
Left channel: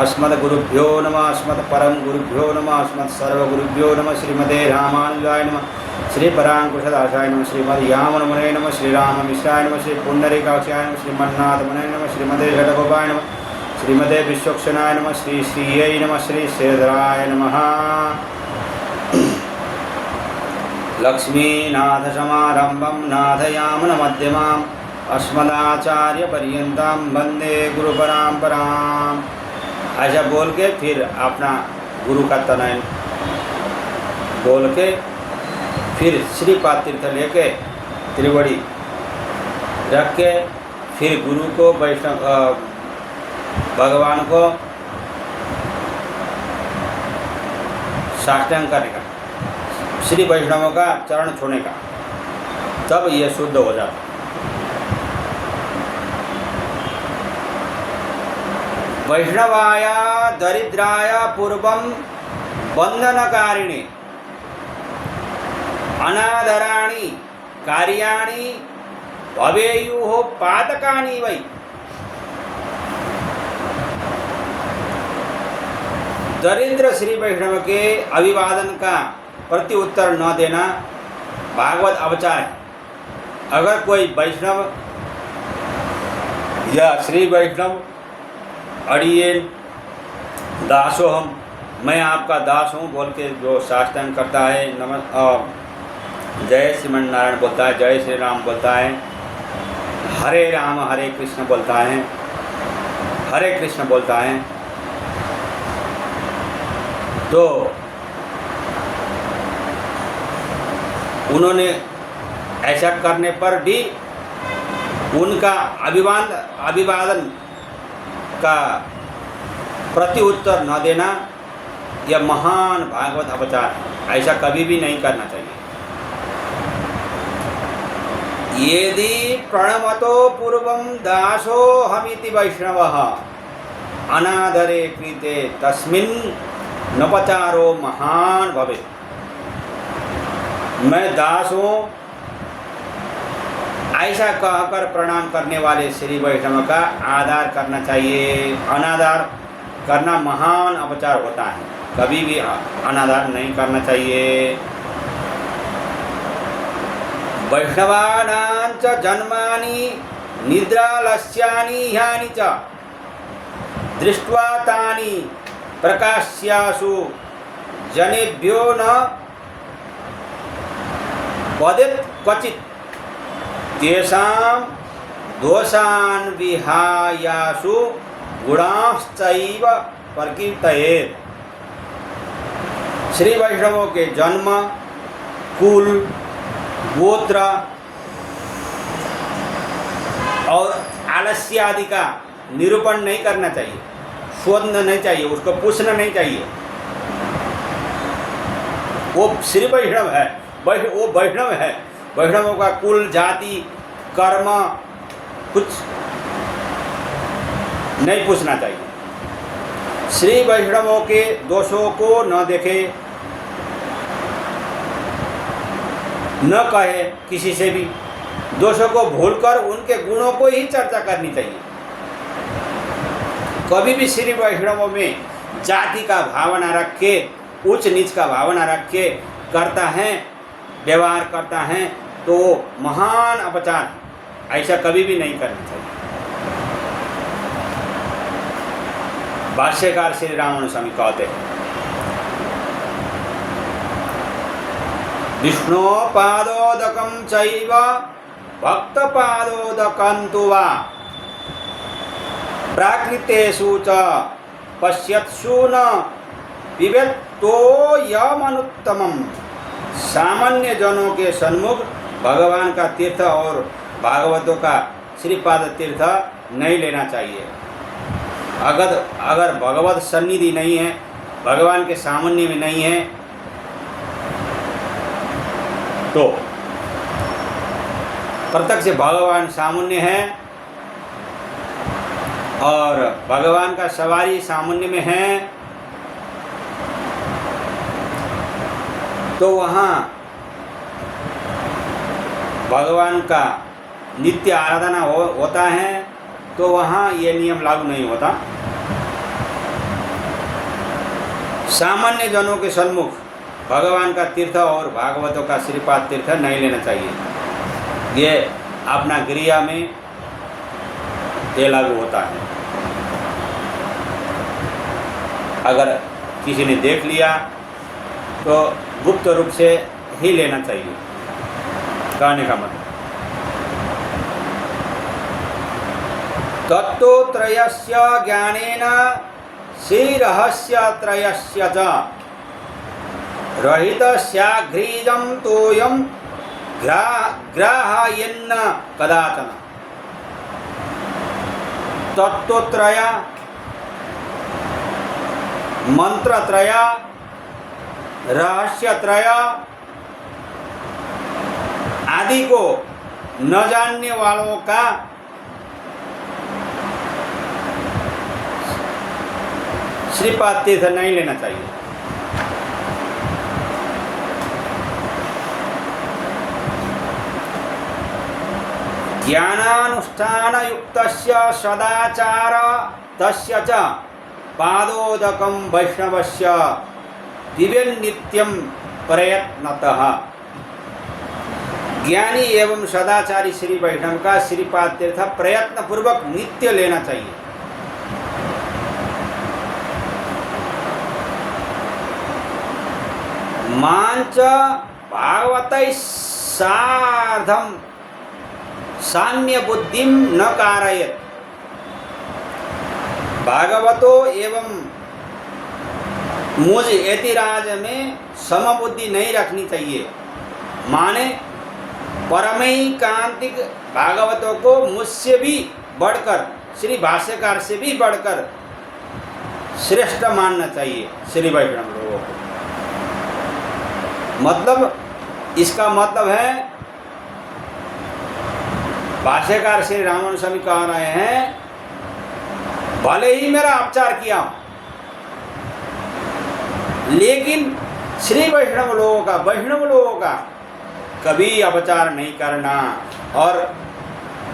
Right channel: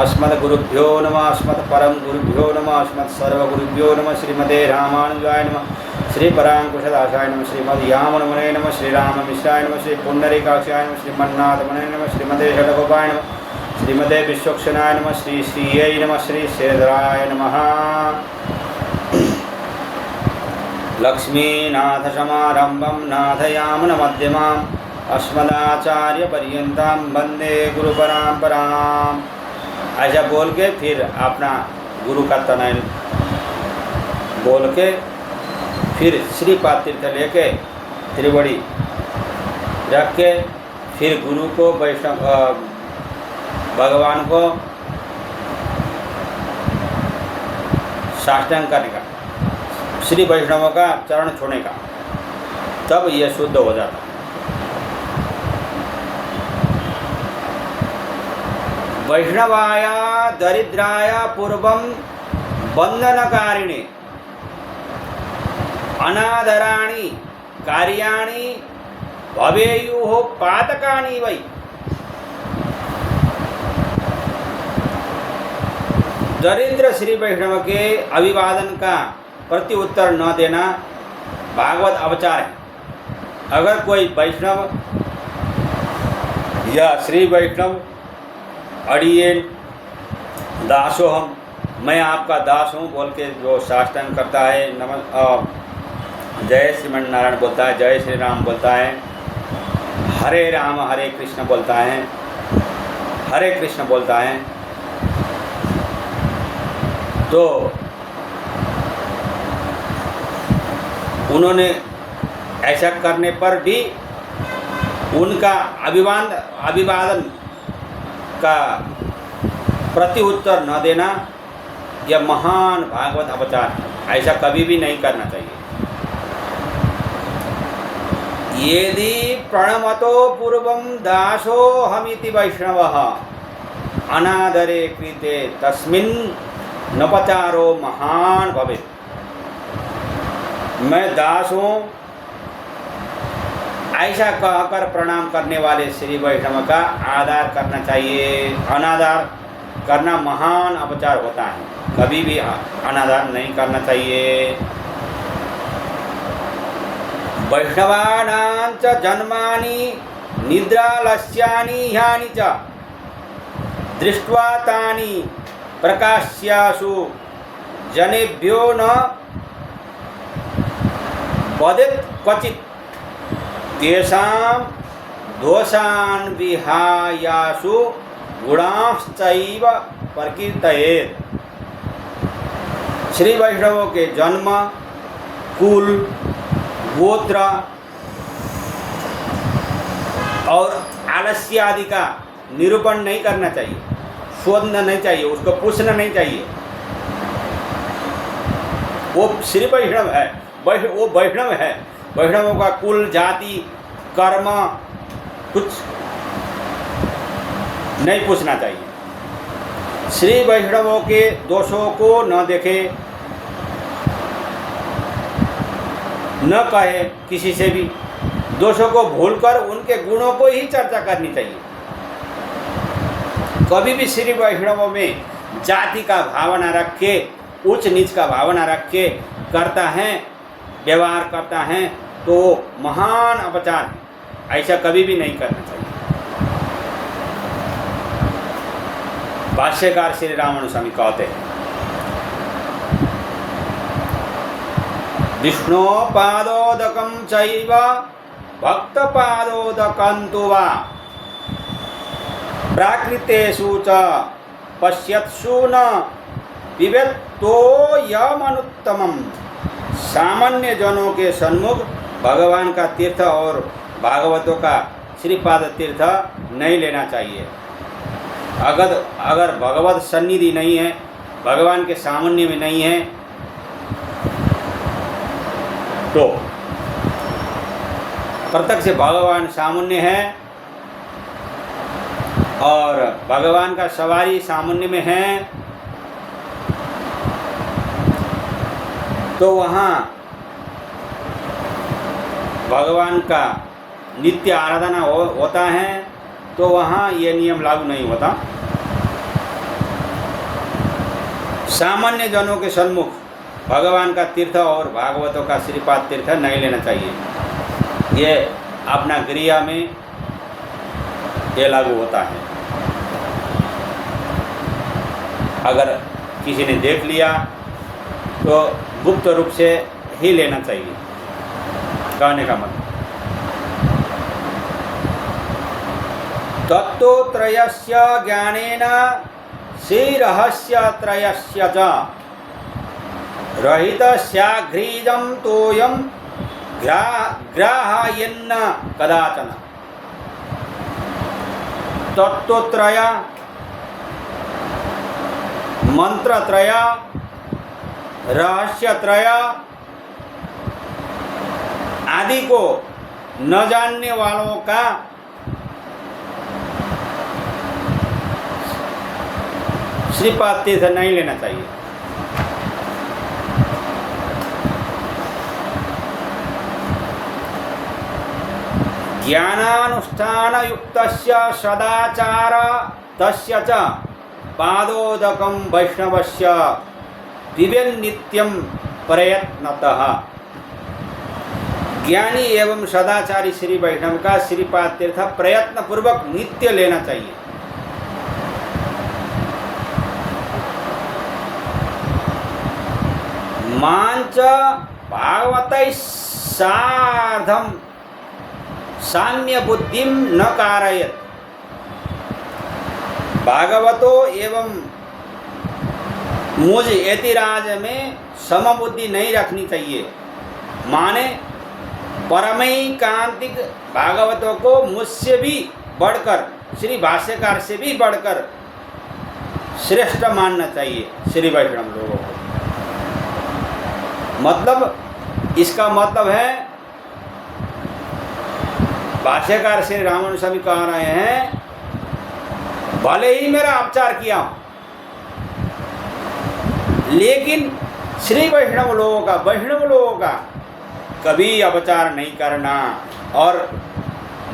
अस्मद गुरुभ्यो नमः, अस्मद परम गुरुभ्यो नमः, अस्मद सर्व गुरुभ्यो नमः, श्रीमते रामानुजाय नमः, श्री परांकुशदासाय नमः, श्रीमद यामनमुने नमः, श्री राम मिश्राय नमः, श्री पुंडरीकाक्षाय नमः, श्रीमन्नाथ मुने नमः, श्रीमते जडगोपाय नमः, श्रीमते विश्वक्षणाय नमः, श्री श्रीयै नमः, श्री श्रीधराय नमः। लक्ष्मीनाथ समारंभं नाथयामुन मध्यमाम् अस्मदाचार्य पर्यंतां वंदे गुरु परंपराम्। ऐसा बोल के फिर अपना गुरु का तनय बोल के फिर श्रीपाद तीर्थ लेके त्रिवड़ी रख के फिर गुरु को वैष्णव भगवान को साष्टांग करने का, श्री वैष्णवों का चरण छूने का, तब ये शुद्ध हो जाता। वैष्णवाय दरिद्राय पूर्वं बंधनकारिणी अनादराणि कार्याणि भवेयुः पातकानि वै। दरिद्र श्री वैष्णव के अभिवादन का प्रति उत्तर न देना भागवत अवचार है। अगर कोई वैष्णव या श्री वैष्णव अड़िए दासोहम, मैं आपका दास हूँ बोल के जो साष्टांग करता है, जय श्रीमन्नारायण बोलता है, जय श्री राम बोलता है, हरे राम हरे कृष्ण बोलता है, हरे कृष्ण बोलता है, तो उन्होंने ऐसा करने पर भी उनका अभिवादन का प्रति उत्तर न देना यह महान भागवत अपचार है। ऐसा कभी भी नहीं करना चाहिए। यदि प्रणमतो पूर्वं दासो हमिति वैष्णवः अनादरे कृते तस्मिन् नपचारो महान भवेत्। मैं दास हूँ ऐसा कहकर प्रणाम करने वाले श्री वैष्णव का आदर करना चाहिए। अनादर करना महान अपचार होता है, कभी भी अनादर नहीं करना चाहिए। वैष्णवानां च जन्मानि निद्रालस्यानि ह्यानि च दृष्ट्वा तानि प्रकाश्यासु जनेभ्यो न वदेत् क्वचित् तेषां दोषान् विहायासु गुणांश्चैव प्रकीर्तयेत्। श्री वैष्णवों के जन्म, कुल, गोत्र और आलस्य आदि का निरूपण नहीं करना चाहिए, शोधना नहीं चाहिए, उसको पूछना नहीं चाहिए। वो श्री वैष्णव है, वो वैष्णव है, वैष्णवों का कुल, जाति, कर्म कुछ नहीं पूछना चाहिए। श्री वैष्णवों के दोषों को न देखे, न कहे किसी से भी, दोषों को भूलकर उनके गुणों को ही चर्चा करनी चाहिए। कभी भी श्री वैष्णवों में जाति का भावना रख के, उच्च नीच का भावना रख के करता है, व्यवहार करता है, तो महान अपचार है। ऐसा कभी भी नहीं करना चाहिए। भाष्यकार श्री रामानुज स्वामी कहते हैं, विष्णु पादोदकं चैव भक्तपादोदकं तु वा प्राकृतेषु च पश्यत्सु न विवेक्तो यमनुत्तमम्। सामान्य जनों के सन्मुख भगवान का तीर्थ और भागवतों का श्रीपाद तीर्थ नहीं लेना चाहिए। अगर भगवत सन्निधि नहीं है, भगवान के सामान्य में नहीं है, तो प्रत्यक्ष भगवान सामान्य है और भगवान का सवारी सामान्य में है, तो वहाँ भगवान का नित्य आराधना होता है, तो वहाँ ये नियम लागू नहीं होता। सामान्य जनों के सन्मुख भगवान का तीर्थ और भागवतों का श्रीपाद तीर्थ नहीं लेना चाहिए। ये अपना क्रिया में ये लागू होता है। अगर किसी ने देख लिया तो गुप्त रूप से ही लेना चाहिए, कहने का मतलब। तत्त्वत्रयस्य ज्ञानेन श्रीरहस्यत्रयस्य च रहितस्याघ्रीदं तोयं ग्राहयन्न कदाचन। तत्त्वत्रय, मंत्रत्रय, रहस्यत्रय आदि को न जानने वालों का श्रीपाद तीर्थ नहीं लेना चाहिए। ज्ञानानुष्ठान युक्तस्य सदाचार तस्य च पादोदकं वैष्णवस्य विवेन्नित्यं प्रयत्नतः। ज्ञानी एवं सदाचारी श्री वैष्णव का श्रीपाद तीर्थ प्रयत्न पूर्वक नित्य लेना चाहिए। मांच भागवतैः सार्धं सान्य बुद्धिं न कारयेत्। भागवतों एवं मुझ यतिराज में समबुद्धि नहीं रखनी चाहिए। माने परमैकांतिक भागवतों को मुझसे भी बढ़कर, श्री भाष्यकार से भी बढ़कर श्रेष्ठ मानना चाहिए श्री वैष्णव लोगों को। मतलब इसका मतलब है, भाष्यकार श्री रामानुज स्वामी कह रहे हैं, भले ही मेरा अपचार किया हो, लेकिन श्री वैष्णव लोगों का कभी अपचार नहीं करना और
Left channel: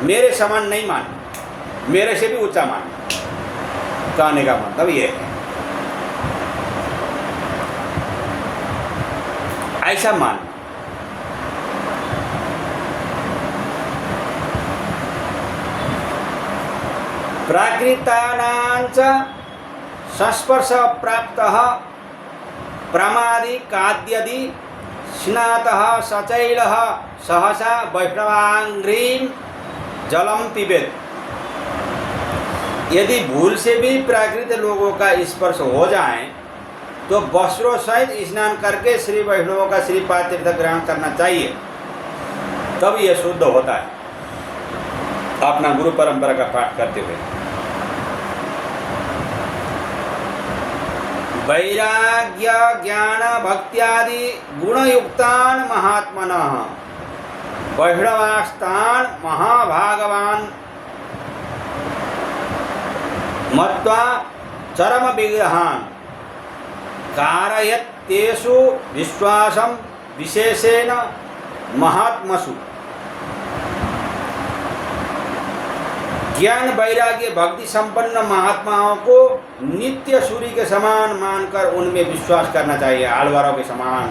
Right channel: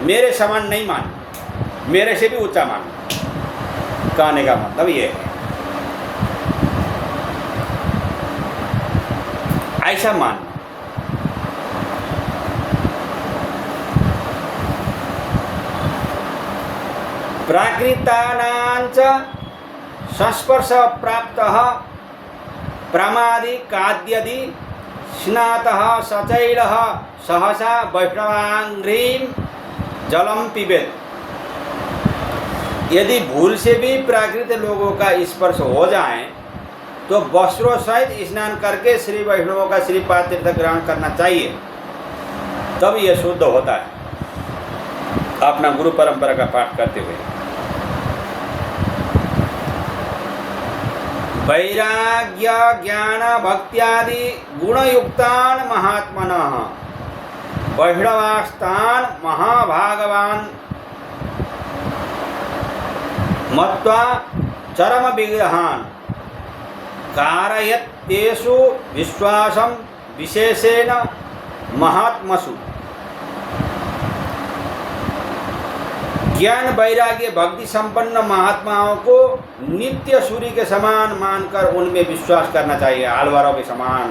मेरे समान नहीं मान, मेरे से भी ऊंचा मान। कहने का मतलब ये है, ऐसा मान। प्राकृतानांच संस्पर्श प्राप्तः प्रमादि काद्यदि स्नातः सचैलः सहसा वैष्णवांघ्रीं जलम पिबेत। यदि भूल से भी प्राकृत लोगों का स्पर्श हो जाए तो वस्त्रों सहित स्नान करके श्री वैष्णवों का श्रीपाद तीर्थ ग्रहण करना चाहिए, तब यह शुद्ध होता है। अपना गुरु परंपरा का पाठ करते हुए वैराग्य ज्ञान भक्त्यादि गुणयुक्तान महात्मनः वैष्णवास्तान महाभागवान मत्वा चरम विग्रहान कारयत्येषु विश्वासं विशेषेण महात्मसु। ज्ञान वैराग्य भक्ति संपन्न महात्माओं को नित्य सूर्य के समान मानकर उनमें विश्वास करना चाहिए, आलवारों के समान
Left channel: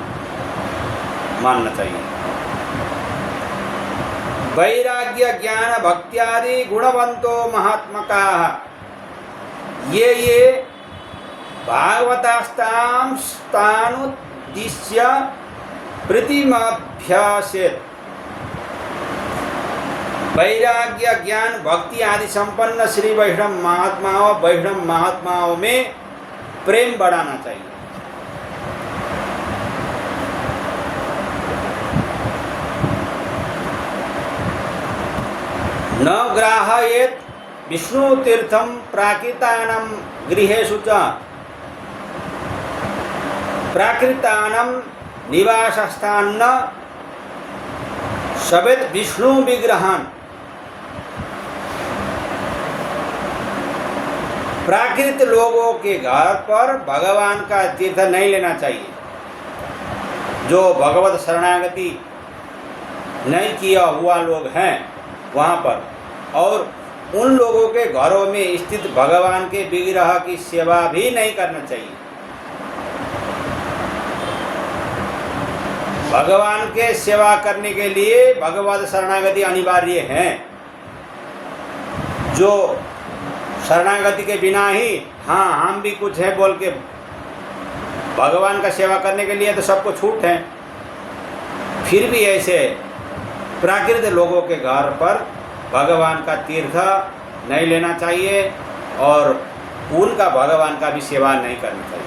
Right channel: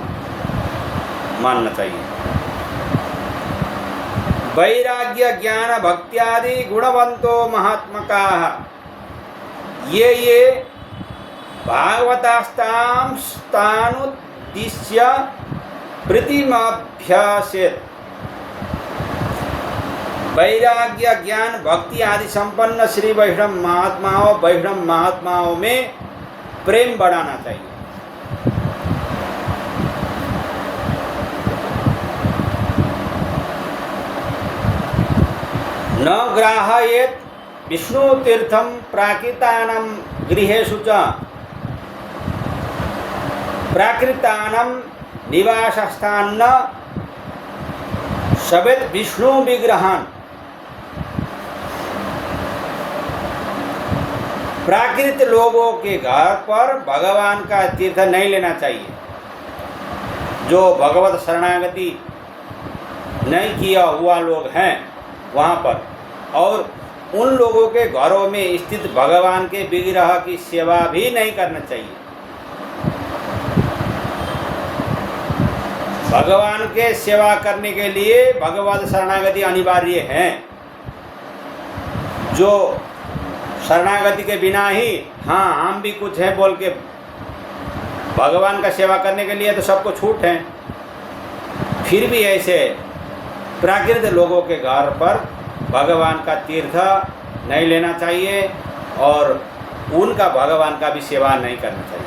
मानना चाहिए। वैराग्य ज्ञान भक्त्यादि गुणवंतो महात्मका ये भागवतास्तां स्थानुद्दिश्य प्रतिमाभ्यासेत्। वैराग्य ज्ञान भक्ति आदि संपन्न श्री वैष्णव महात्माओं में प्रेम बढ़ाना चाहिए। न ग्राहयेत् विष्णु तीर्थम प्राकृतानां गृहेषु च प्राकृतानां निवासस्थान सवेत विष्णु विग्रहान। प्राकृत लोगों के घर पर भगवान का तीर्थ नहीं लेना चाहिए। जो भगवत शरणागति नहीं किया हुआ लोग हैं वहाँ पर, और उन लोगों के घरों में स्थित भगवान के विग्रह की सेवा भी नहीं करना चाहिए। भगवान के सेवा करने के लिए भगवत शरणागति अनिवार्य है। जो शरणागति के बिना ही हाँ हम भी कुछ हैं बोल के भगवान का सेवा करने के लिए तो सबको छूट है, फिर भी ऐसे प्राकृत लोगों के घर पर भगवान का तीर्थ नहीं लेना चाहिए और उनका भगवान का भी सेवा नहीं करना चाहिए।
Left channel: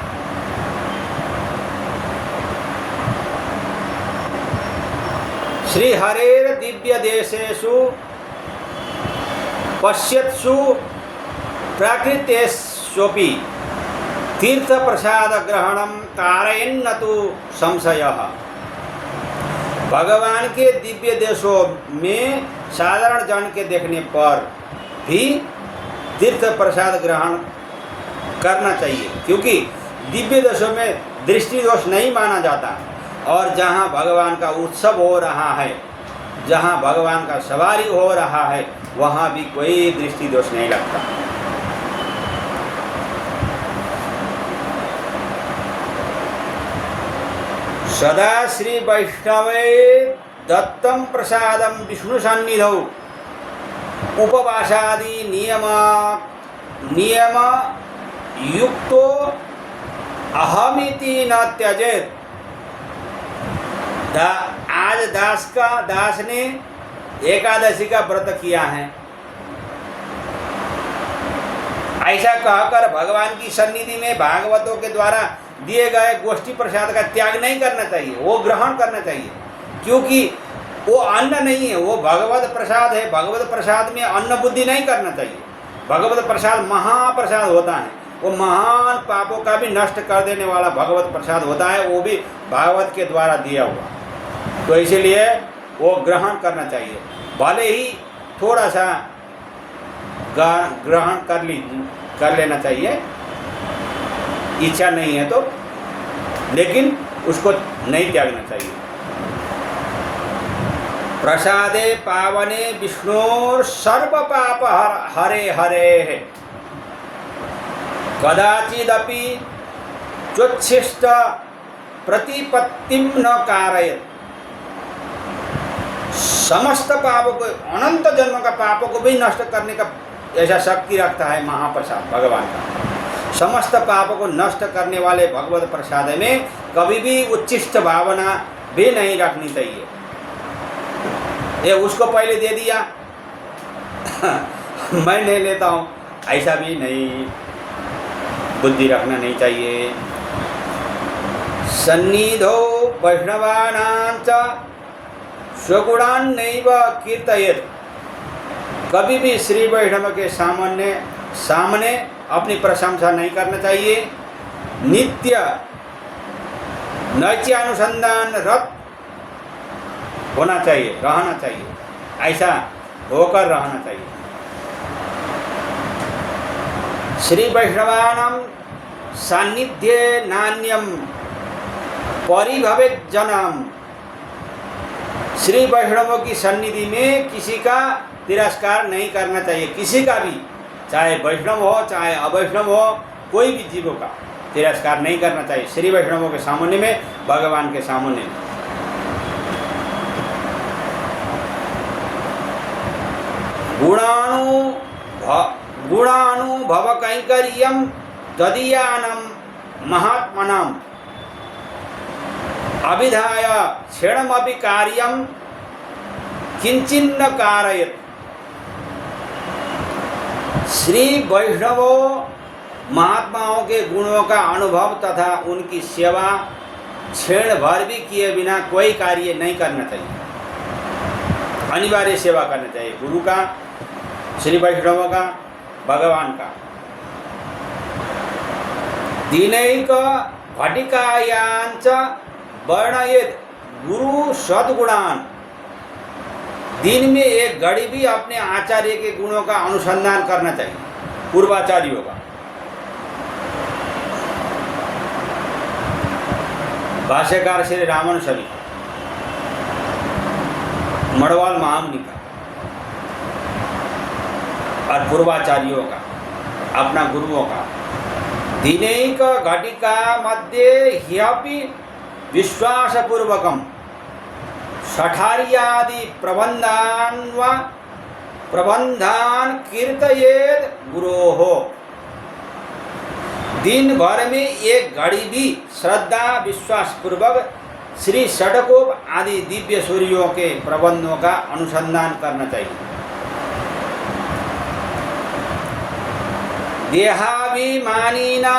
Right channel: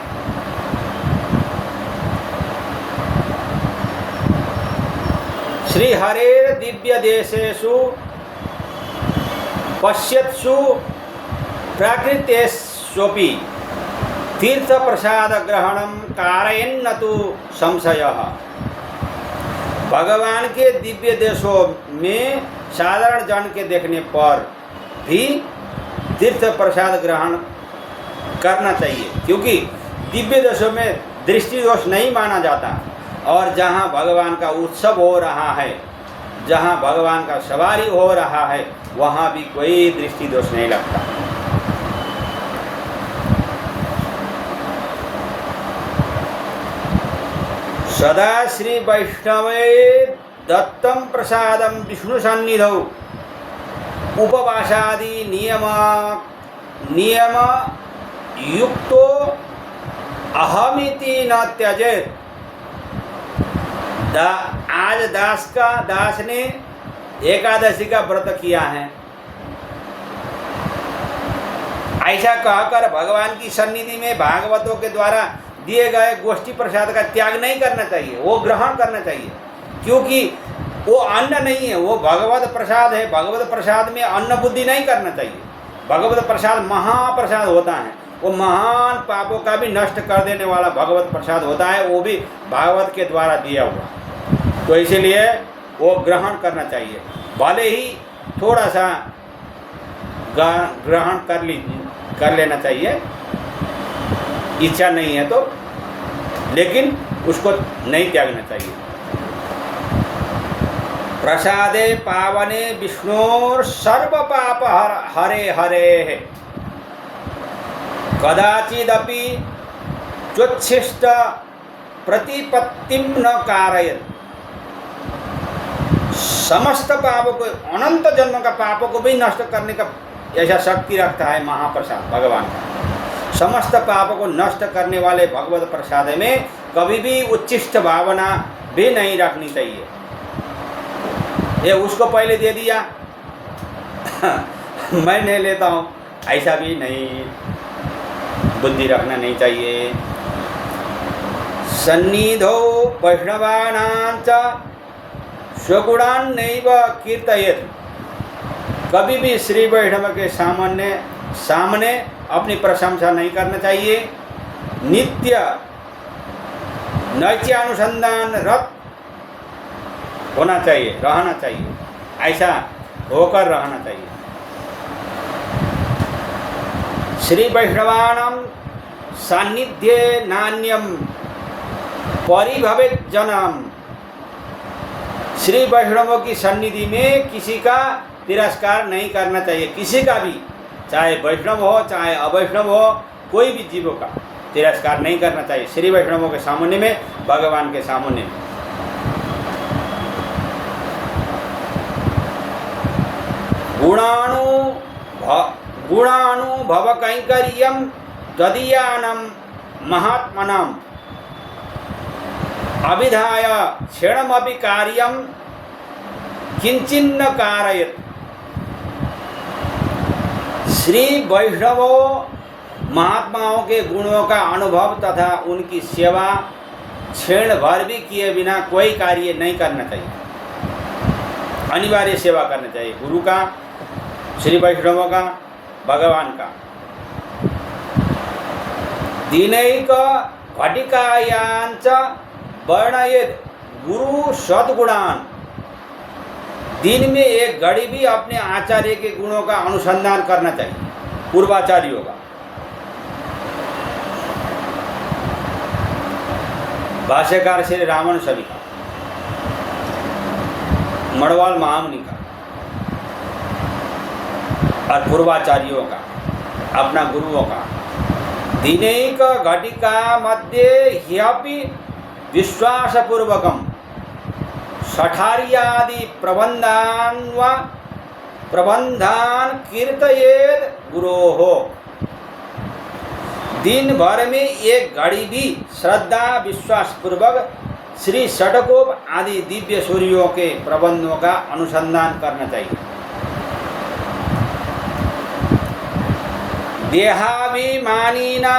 श्री हरेर दिव्य देशेषु पश्यत्सु प्राकृतेष्वपि तीर्थ प्रसाद ग्रहणम कारयन्न तु संशयः। भगवान के दिव्य देशों में साधारण जन के देखने पर भी तीर्थ प्रसाद ग्रहण करना चाहिए, क्योंकि दिव्य देशों में दृष्टि दोष नहीं माना जाता, और जहाँ भगवान का उत्सव हो रहा है, जहाँ भगवान का सवारी हो रहा है, वहाँ भी कोई दृष्टि दोष नहीं लगता। सदा श्री वैष्णवे दत्तम प्रसादम विष्णु सन्निधौ उपवासादि नियम युक्तो अहमिति न त्यजेत। आज दास ने एकादशी का व्रत किया है, ऐसा कहकर भगवान की सन्निधि में भागवतों के द्वारा दिए गए गोष्ठी प्रसाद का त्याग नहीं करना चाहिए, वो ग्रहण करना चाहिए, क्योंकि वो अन्न नहीं है, वो भगवत प्रसाद है। भगवत प्रसाद में अन्न बुद्धि नहीं करना चाहिए। भगवत प्रसाद महाप्रसाद होता है, वो महान पापों का भी नष्ट कर देने वाला भगवत प्रसाद होता है, वो भी भागवत के द्वारा दिया हुआ। तो इसीलिए वो ग्रहण करना चाहिए, भले ही थोड़ा सा ग्रहण कर लेना चाहिए, इच्छा नहीं है तो, लेकिन उसको नहीं त्यागना चाहिए। प्रसादे पावने विष्णु सर्व पाप हरे हरे कदाचिदपि चोच्छिष्ट प्रतिपत्तिम न कारयेत्। समस्त पापों को, अनंत जन्म का पापों को भी नष्ट करने का ऐसा शक्ति रखता है महाप्रसाद भगवान का। समस्त पापों को नष्ट करने वाले भगवत प्रसाद में कभी भी उच्छिष्ट भावना भी नहीं रखनी चाहिए। ये उसको पहले दे दिया मैं नहीं लेता हूँ, ऐसा भी नहीं बुद्धि रखना नहीं चाहिए। सन्निधो वैष्णवानां च स्वगुणान् नैव कीर्तयेत्। कभी भी श्री वैष्णव के सामने अपनी प्रशंसा नहीं करना चाहिए। नित्य नैत्यानुसंधान रत होना चाहिए, रहना चाहिए, ऐसा होकर रहना चाहिए। श्री वैष्णवानां सान्निध्ये नान्यम परिभवेत् जनम। श्री वैष्णवों की सन्निधि में किसी का तिरस्कार नहीं करना चाहिए, किसी का भी, चाहे वैष्णव हो चाहे अवैष्णव हो, कोई भी जीवों का तिरस्कार नहीं करना चाहिए श्री वैष्णवों के सामने में, भगवान के सामने में। गुणानुभव कैंकर्यम तदीयानम महात्मनम अभिधाय क्षणमपि कार्यम किंचिन्न कारयेत्। श्री वैष्णवों महात्माओं के गुणों का अनुभव तथा उनकी सेवा क्षण भर भी किए बिना कोई कार्य नहीं करना चाहिए। अनिवार्य सेवा करना चाहिए, गुरु का, श्री वैष्णवों का, भगवान का। दिनैक घटिकायांच वर्णयेत् गुरु सद्गुणान्। दिन में एक घड़ी भी अपने आचार्य के गुणों का अनुसंधान करना चाहिए, पूर्वाचार्यों का। भाष्यकार श्री रामानुज स्वामी का, मड़वाल महामुनि का और पूर्वाचार्यों का, अपना गुरुओं का, दिनैक घटिका मध्ये ह्यपि विश्वासपूर्वकम षठार्यादि प्रबंधान कीर्तयेत् गुरोः। दिन भर में एक घड़ी भी श्रद्धा विश्वास पूर्वक श्री षडकोप आदि दिव्य सूर्यों के प्रबंधों का अनुसंधान करना चाहिए। देहाभिमानिना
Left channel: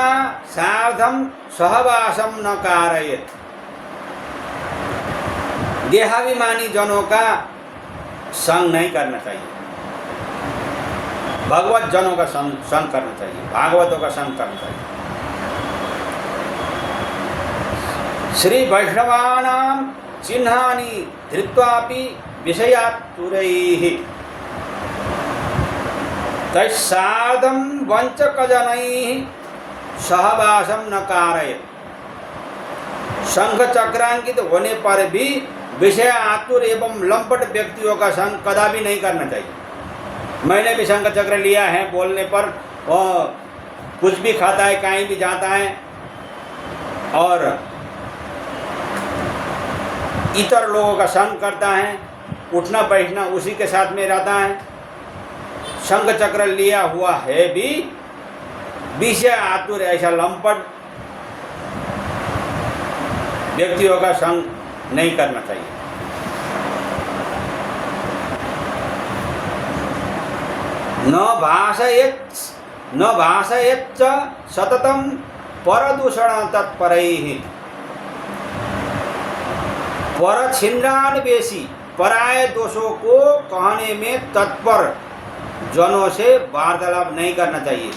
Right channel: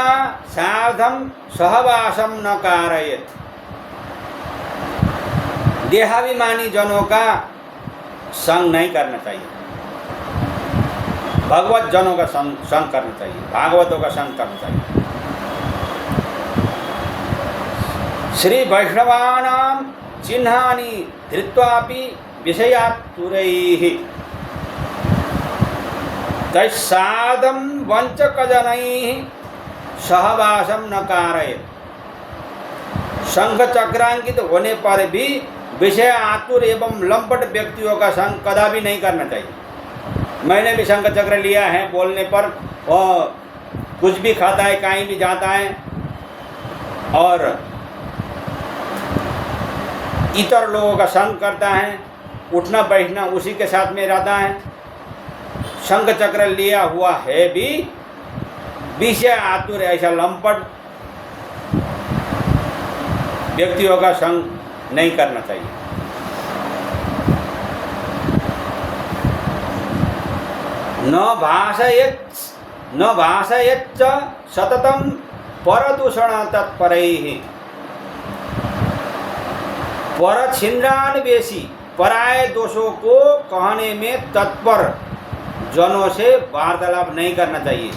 सार्धम सहवासम न कारयेत्। देहाभिमानी जनों का संग नहीं करना चाहिए, भगवत जनों का संग करना चाहिए, भागवतों का संग करना चाहिए। श्री वैष्णवानां चिह्नानि धृत्वापि विषयातुरैः तैस्सार्धं वंचकजनैः सहवासं न कारयेत्। शंख चक्रांकित होने पर भी विषय आतुर एवं लंपट व्यक्तियों का संग कदापि नहीं करना चाहिए। मैंने भी शंख चक्र लिया है, बोलने पर कुछ भी खाता है, कहीं भी जाता है और इतर लोगों का संग करता है, उठना बैठना उसी के साथ में रहता है। शंख चक्र लिया हुआ है भी विषय आतुर ऐसा लंपट व्यक्तियों का संग नहीं करना चाहिए। न भाषयेच्च सततं परदूषण तत्परैः। परछिन्द्रान्वेषी पराय दोषों को कहने में तत्पर जनों से वार्तालाप नहीं करना चाहिए।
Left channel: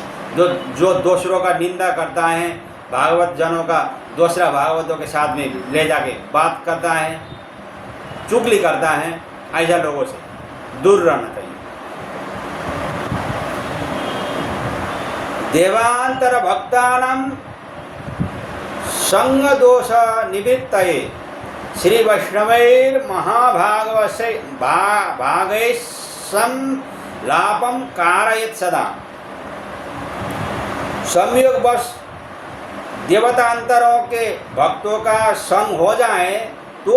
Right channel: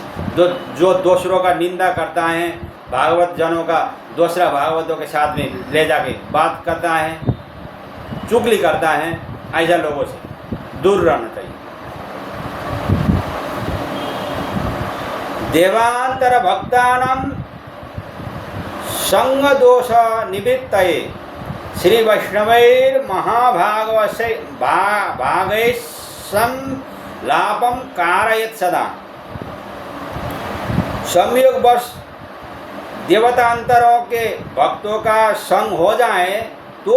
जो दूसरों का निंदा करता है, भागवत जनों का दूसरा भागवतों के साथ में ले जाके बात करता है, चुगली करता है, ऐसा लोगों से दूर रहना चाहिए। देवांतर भक्तानां संग दोष निवृत्तये श्री वैष्णवैर महाभागवैसं लाभम कारयेत् सदा। संयोगवश देवतांतरों के भक्तों का संग हो जाए तो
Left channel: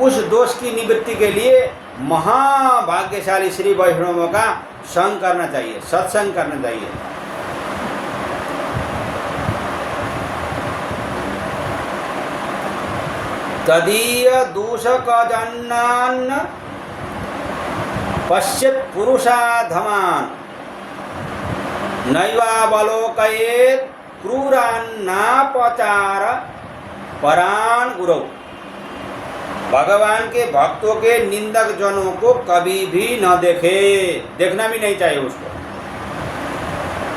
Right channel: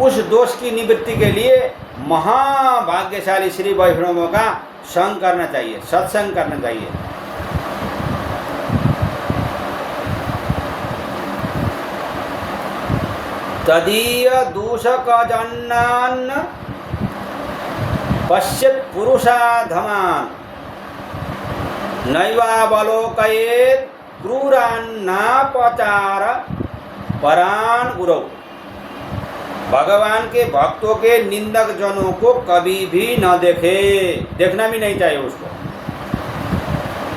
उस दोष की निवृत्ति के लिए महाभाग्यशाली श्री वैष्णवों का संग करना चाहिए, सत्संग करना चाहिए। तदीय दूषकजन्नान् पश्यत् पुरुषाधमान् नैवावलोकयेत् क्रूरान्नापचार परान गुरु। भगवान के भक्तों के निंदक जनों को कभी भी न देखे, देखना भी नहीं चाहिए उसको।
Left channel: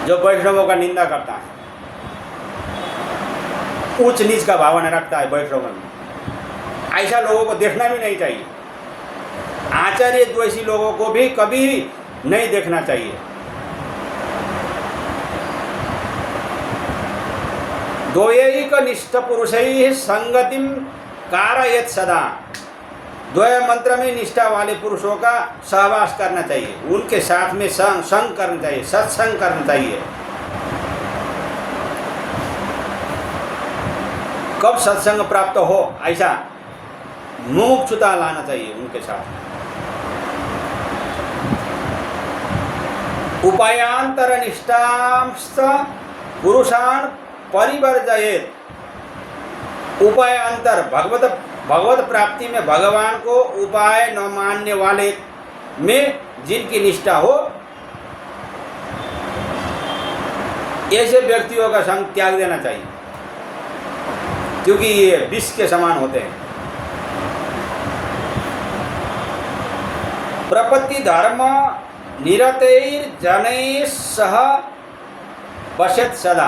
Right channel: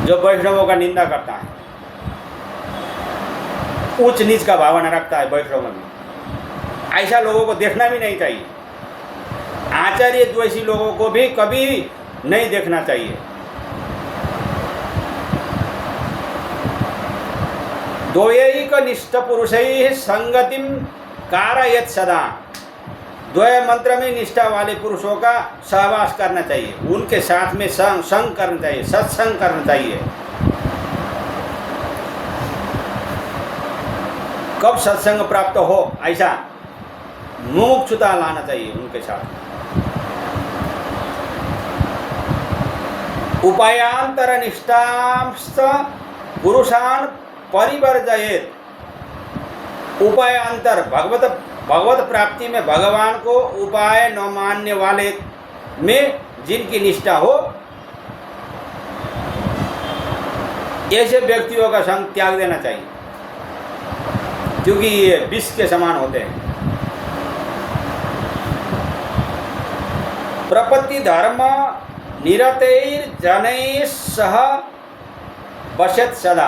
जो वैष्णवों का निंदा करता है, ऊंच नीच का भावना रखता है वैष्णव में, ऐसा लोगों को देखना भी नहीं चाहिए। आचार्य द्वेषी लोगों को भी कभी नहीं देखना चाहिए। द्वैकनिष्ठ पुरुषैः संगतिं कारयेत् सदा। द्वय मंत्र में निष्ठा वाले पुरुषों का सहवास करना चाहिए, उनके साथ में संग करना चाहिए, सत्संग करना चाहिए। कब सत्संग प्राप्त हो, ऐसा मोक्षता लाना चाहिए उनके साथ। उपायांतर निष्ठांश्च पुरुषान् परिवर्जयेत्। उपायांतर भगवत प्राप्ति में भगवान को उपाय न मानने वाले में जिनकी निष्ठा हो, ऐसे व्यक्तियों का संग त्याग देना चाहिए, क्योंकि ये विष के समान होते हैं। प्रपत्ति धर्म निरतैर्जनैः सह वसत् सदा।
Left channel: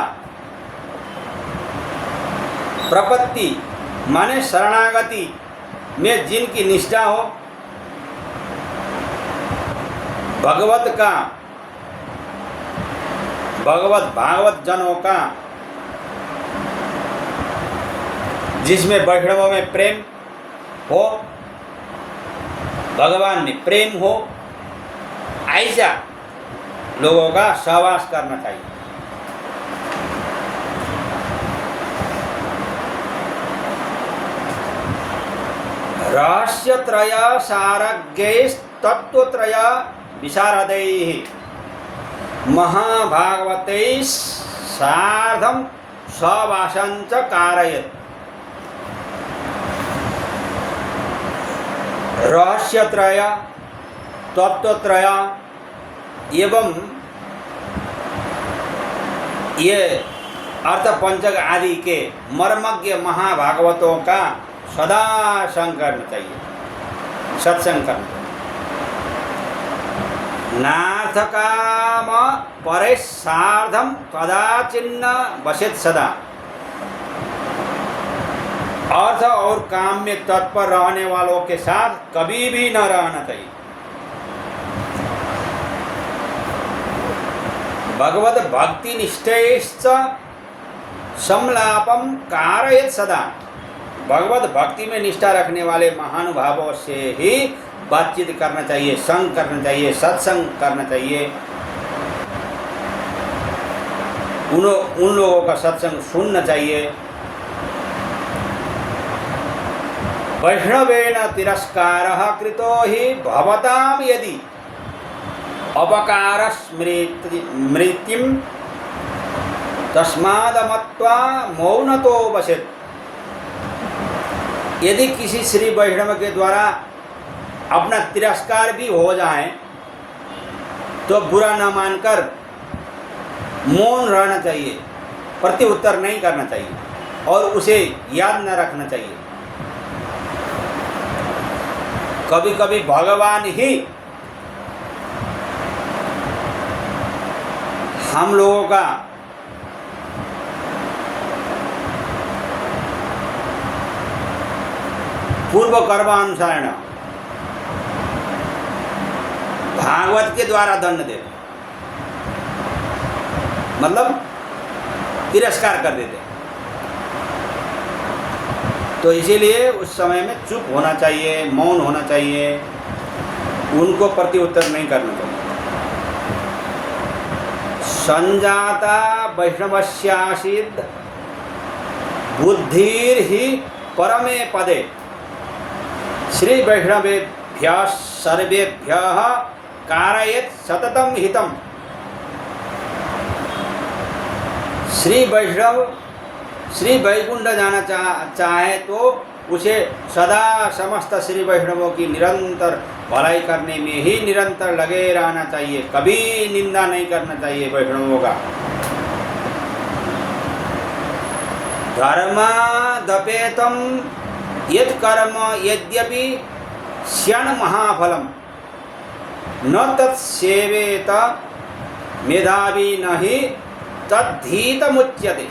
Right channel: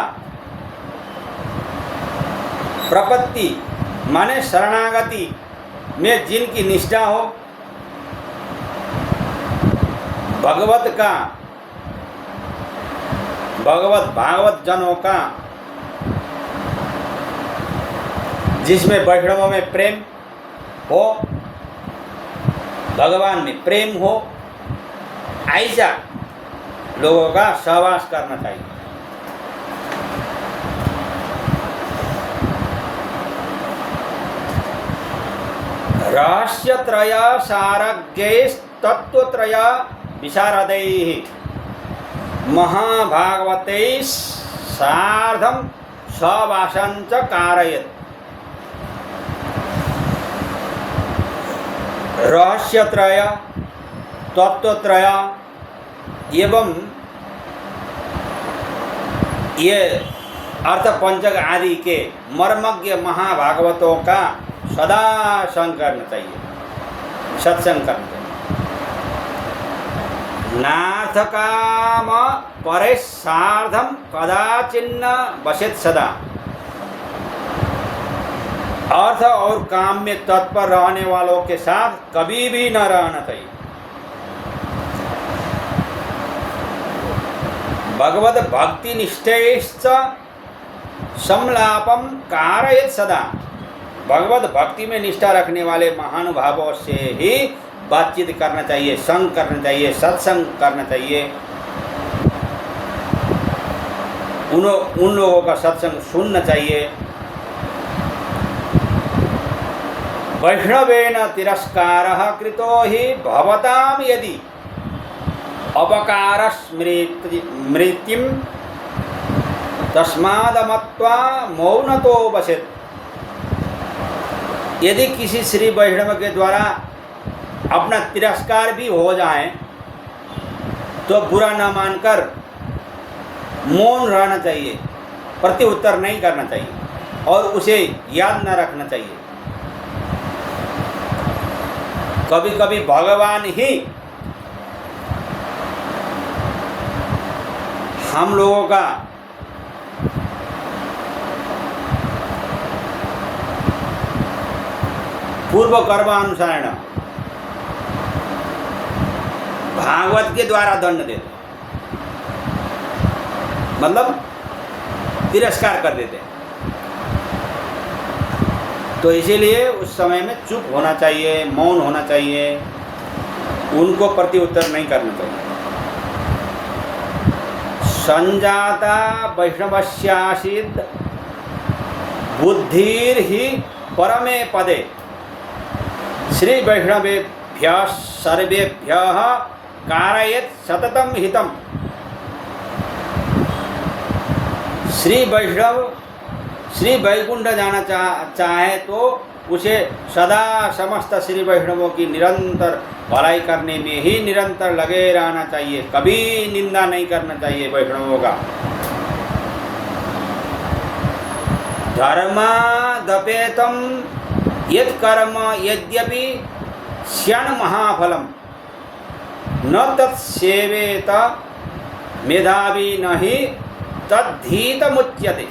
प्रपत्ति माने शरणागति में जिनकी निष्ठा हो, भागवत जनों का जिसमें वैष्णवों में प्रेम हो, भगवान में प्रेम हो, ऐसा लोगों का सहवास करना चाहिए। रहस्यत्रय सारज्ञैस्तत्त्वत्रय विशारदैः महाभागवतैः सार्धं सहवासं च कारयेत्। रहस्यत्रय, तत्वत्रय एवं ये अर्थ पंचक आदि के मर्मज्ञ महाभागवतों का सदा संग करना चाहिए, सत्संग करना। नाथ काम परे सार्धम कदाचिन्न बसेत सदा। अर्थ और काम में तत्पर रहने वालों के साथ कभी भी न रहना चाहिए। भगवत भक्ति निष्ठैश्च संलापम कारयेत् सदा। भगवत भक्ति में निष्ठा रखने वाले महानुभावों से ही बातचीत करना चाहिए, संग करना चाहिए, सत्संग करना चाहिए। उन लोगों का सत्संग सुनना चाहिए। वैष्णवेन तिरस्कारः कृतो हि भवतां यदि अपकार स्मृतिं तस्मादमत्वा मौनतो वसेत्। यदि किसी श्री वैष्णव के द्वारा अपना तिरस्कार भी हो जाए तो बुरा न मानकर मौन रहना चाहिए, प्रत्युत्तर नहीं करना चाहिए और उसे याद न रखना चाहिए। कभी कभी भगवान ही हम लोगों का पूर्व कर्मानुसारण भागवत के द्वारा दंड देते, मतलब तिरस्कार कर देते। तो इसीलिए उस समय में चुप होना चाहिए, मौन होना चाहिए, उनको प्रत्युत्तर नहीं करना चाहिए। संजाता वैष्णवस्यासीत् बुद्धिर ही परमे पदे श्री वैष्णवेभ्यः सर्वेभ्यः कारयेत् सततं हितम्। श्री वैष्णव श्री वैकुंठ जाना चाहे तो उसे सदा समस्त श्री वैष्णवों की निरंतर भलाई करने में ही निरंतर लगे रहना चाहिए, कभी निंदा नहीं करना चाहिए वैष्णवों का। धर्मादपेतम यत् कर्म यद्यपि स्यान् महाफलम न तत्सेवेत मेधावी नहि तद्धीतमुच्यते।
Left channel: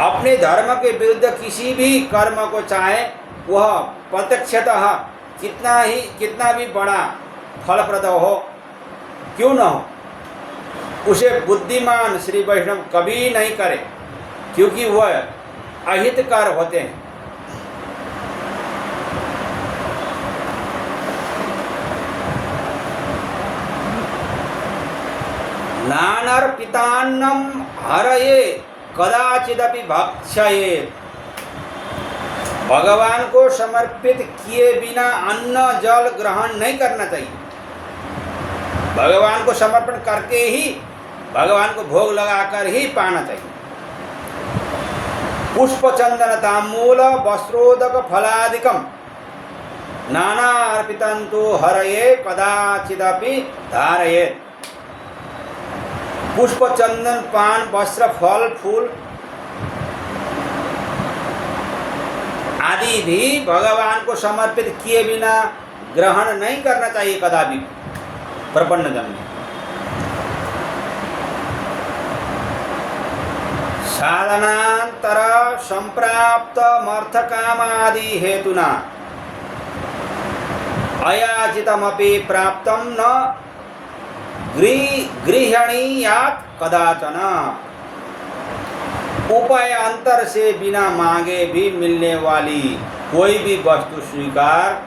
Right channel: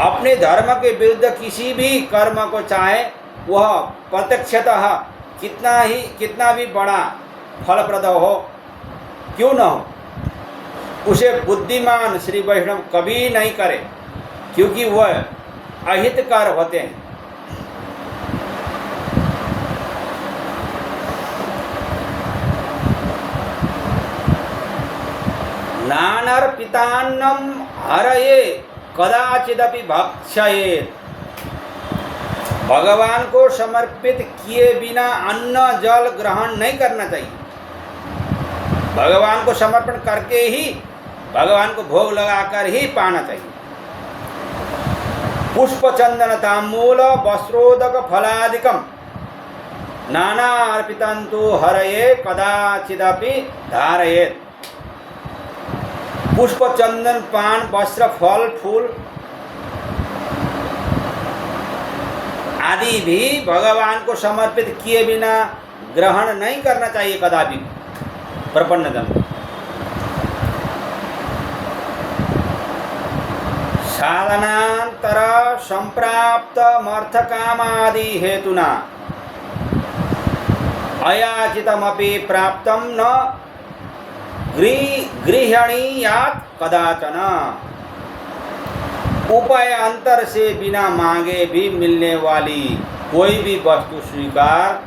अपने धर्म के विरुद्ध किसी भी कर्म को चाहे वह प्रत्यक्षतः कितना भी बड़ा फलप्रद हो क्यों न हो, उसे बुद्धिमान श्री वैष्णव कभी नहीं करे, क्योंकि वह अहितकर होते हैं। नानार्पितान्नं हरये कदाचिदपि भक्षयेत्। भगवान को समर्पित किए बिना अन्न जल ग्रहण नहीं करना चाहिए। भगवान को समर्पण करके ही भगवान को भोग लगाकर ही पाना चाहिए। पुष्प चंदन तांबूल वस्त्रोदक फलादिकम नाना अर्पितंतु हरये कदाचिदपि धारयेत्। पुष्प चंदन पान वस्त्र फल फूल आदि भी भगवान को समर्पित किए बिना ग्रहण नहीं करना चाहिए कदापि प्रपन्न जन। साधनांतर संप्राप्त मर्थकामादि हेतुना अयाचितमपि प्राप्तम न गृह्णीयात् कदाचन। उपाय अंतर से बिना मांगे भी मिलने वाली कोई भी वस्तु स्वीकार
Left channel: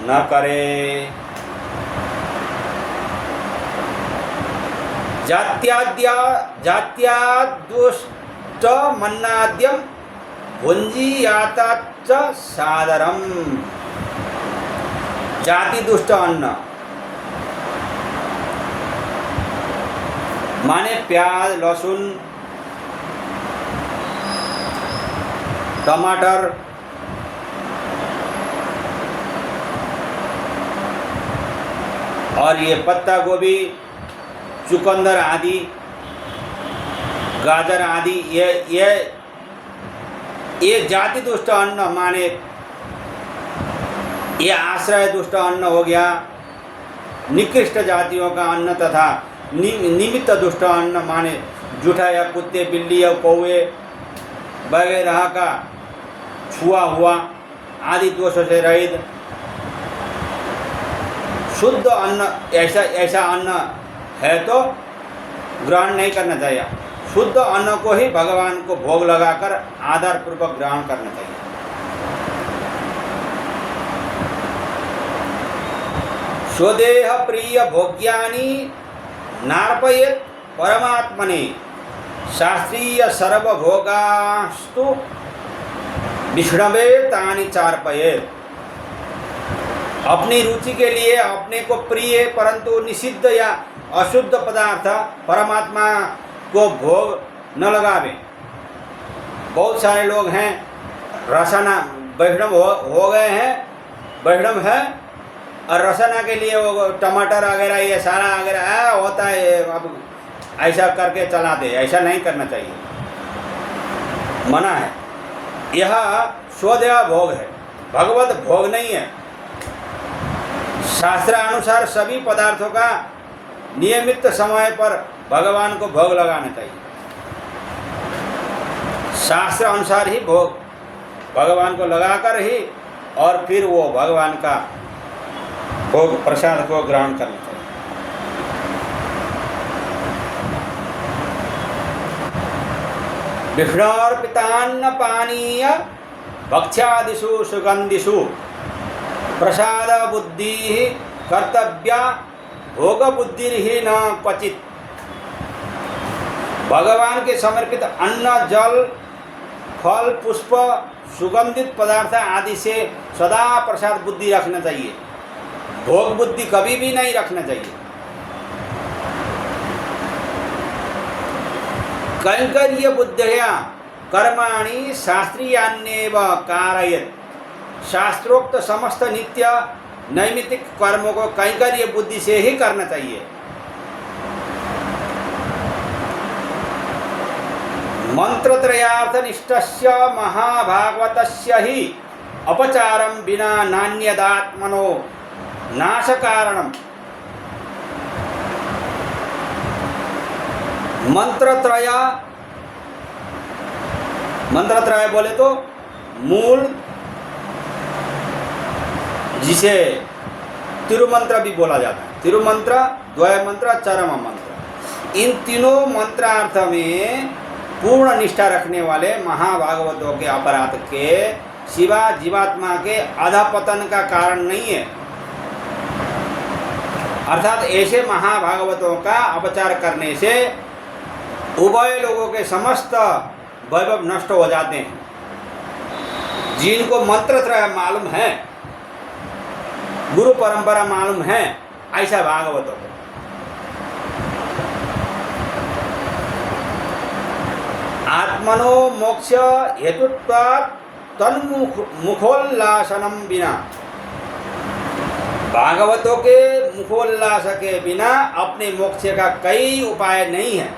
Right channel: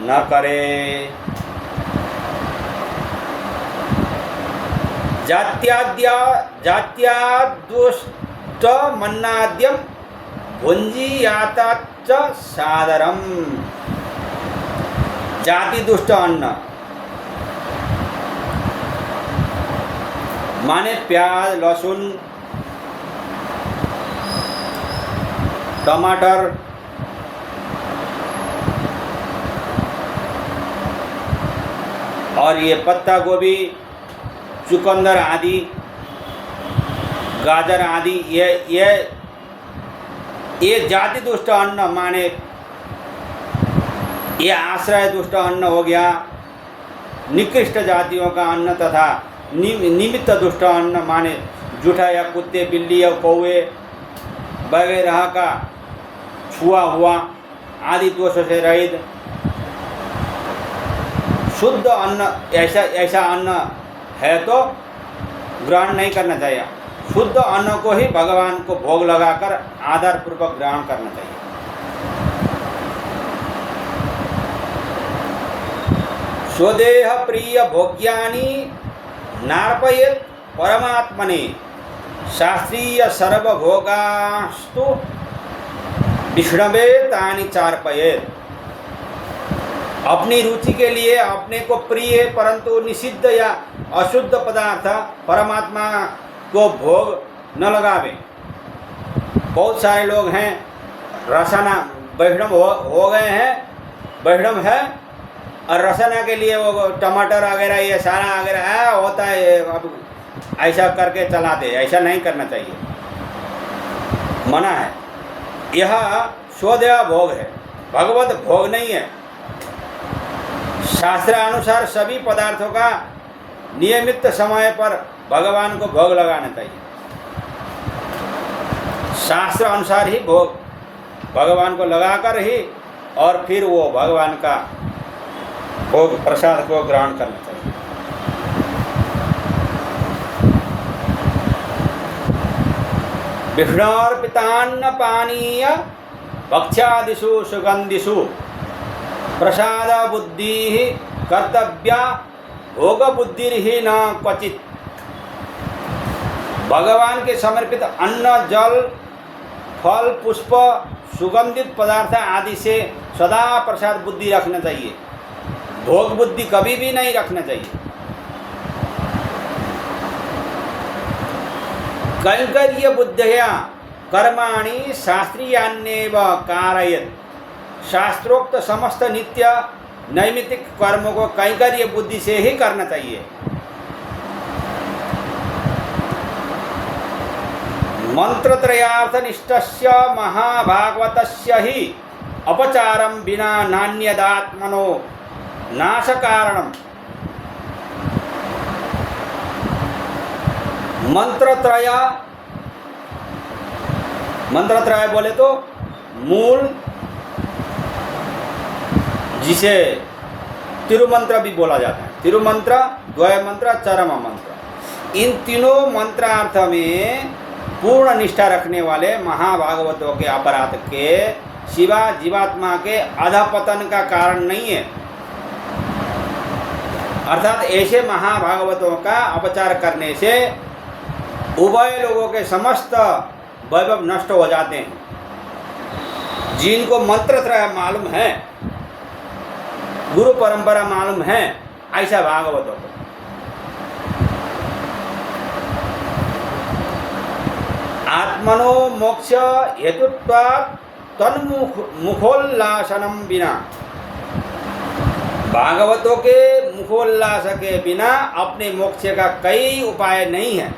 न करे। जात्यादुष्ट मन्नाद्यम भुंजीयाताच्च सादरम। जाति दुष्ट अन्न माने प्याज, लहसुन, टमाटर, और ये पत्ता गोभी, चुकंदर आदि, गाजर आदि, ये जाति दुष्ट अन्न माने ये आश्रय दुष्ट अन्न हो गया। निकृष्ट जातियों का अन्न तथा निमित्त दुष्ट अन्न माने जूठा या कुत्ते, बिल्ली या कौवे वगैरह का छुआ हुआ आदि दोषों से रहित शुद्ध अन्न, ऐसा अन्न है तो ग्रहण नहीं करना चाहिए। शुद्ध अन्न को ही भगवान को भोग लगाकर आदर पूर्वक ग्रहण करना चाहिए। स्वदेह प्रिय भोग्यानि नार्पयेत् परमात्मने शास्त्रीय सर्वभोगास्तु विष्णवे तानि चार्पयेत्। अपनी रुचि के लिए अपने को प्रिय परंतु निषिद्ध या अशुद्ध पदार्थ परमात्मा को भोग न लगावे। बहुत सारे लोग हैं रसना वैष्णव हो गए हैं, वैष्णव है और रसना के लिए वो टमाटर वगैरह ये सारा वगैरह होता है, अब ऐसा करके चला दे। ऐसा नहीं करना चाहिए, मना है। यह स्वदेह भोग है, भगवत भोग नहीं है। शास्त्र अनुसार सभी पदार्थों का नियमित समय पर भगवान को भोग लगाना चाहिए। शास्त्र अनुसार ही भोग भगवान को लगाकर ही और फिर वो भगवान का भोग प्रसाद को ग्रहण करना चाहिए। विष्णोर्पितान्न पानीय भक्ष्यादिषु सुगंधिषु प्रसाद बुद्धि कर्तव्या भोग बुद्धि ही न क्वचित। भगवान के समर्पित अन्न, जल, फल, पुष्प, सुगंधित पदार्थ आदि से सदा प्रसाद बुद्धि रखना चाहिए। भोग बुद्धि कभी भी नहीं रखना चाहिए। कैंकर्य बुद्धया कर्माणि शास्त्रीयान्येव कारयेत्। शास्त्रोक्त समस्त नित्य नैमित्तिक कर्मों को कैंकर्य बुद्धि से ही करना चाहिए। मंत्रत्रयार्थनिष्ठस्य महाभागवतस्य ही अपचारम विना नान्यदात्मनो नाशकारणम। मंत्रत्रय बोले तो मूल, जिसे तिरुमंत्र भी बोला जाता है। तिरुमंत्र, द्वय मंत्र, चरम मंत्र। इन तीनों मंत्रार्थ में पूर्ण निष्ठा रखने वाले महाभागवतों के अपराध के सिवा जीवात्मा के अधपतन का कारण नहीं है। अर्थात ऐसे महाभागवतों का अपचार करने से उभय लोगों के समस्त वैभव नष्ट हो जाते हैं। जिनको मंत्रत्रय मालूम है, गुरु परंपरा मालूम है, ऐसा भागवतों आत्मनो मोक्ष हेतुत्वात् तन्मुखोल्लासनम बिना। भागवतों के मुखोल्लास के बिना अपने मोक्ष का कई उपाय नहीं है।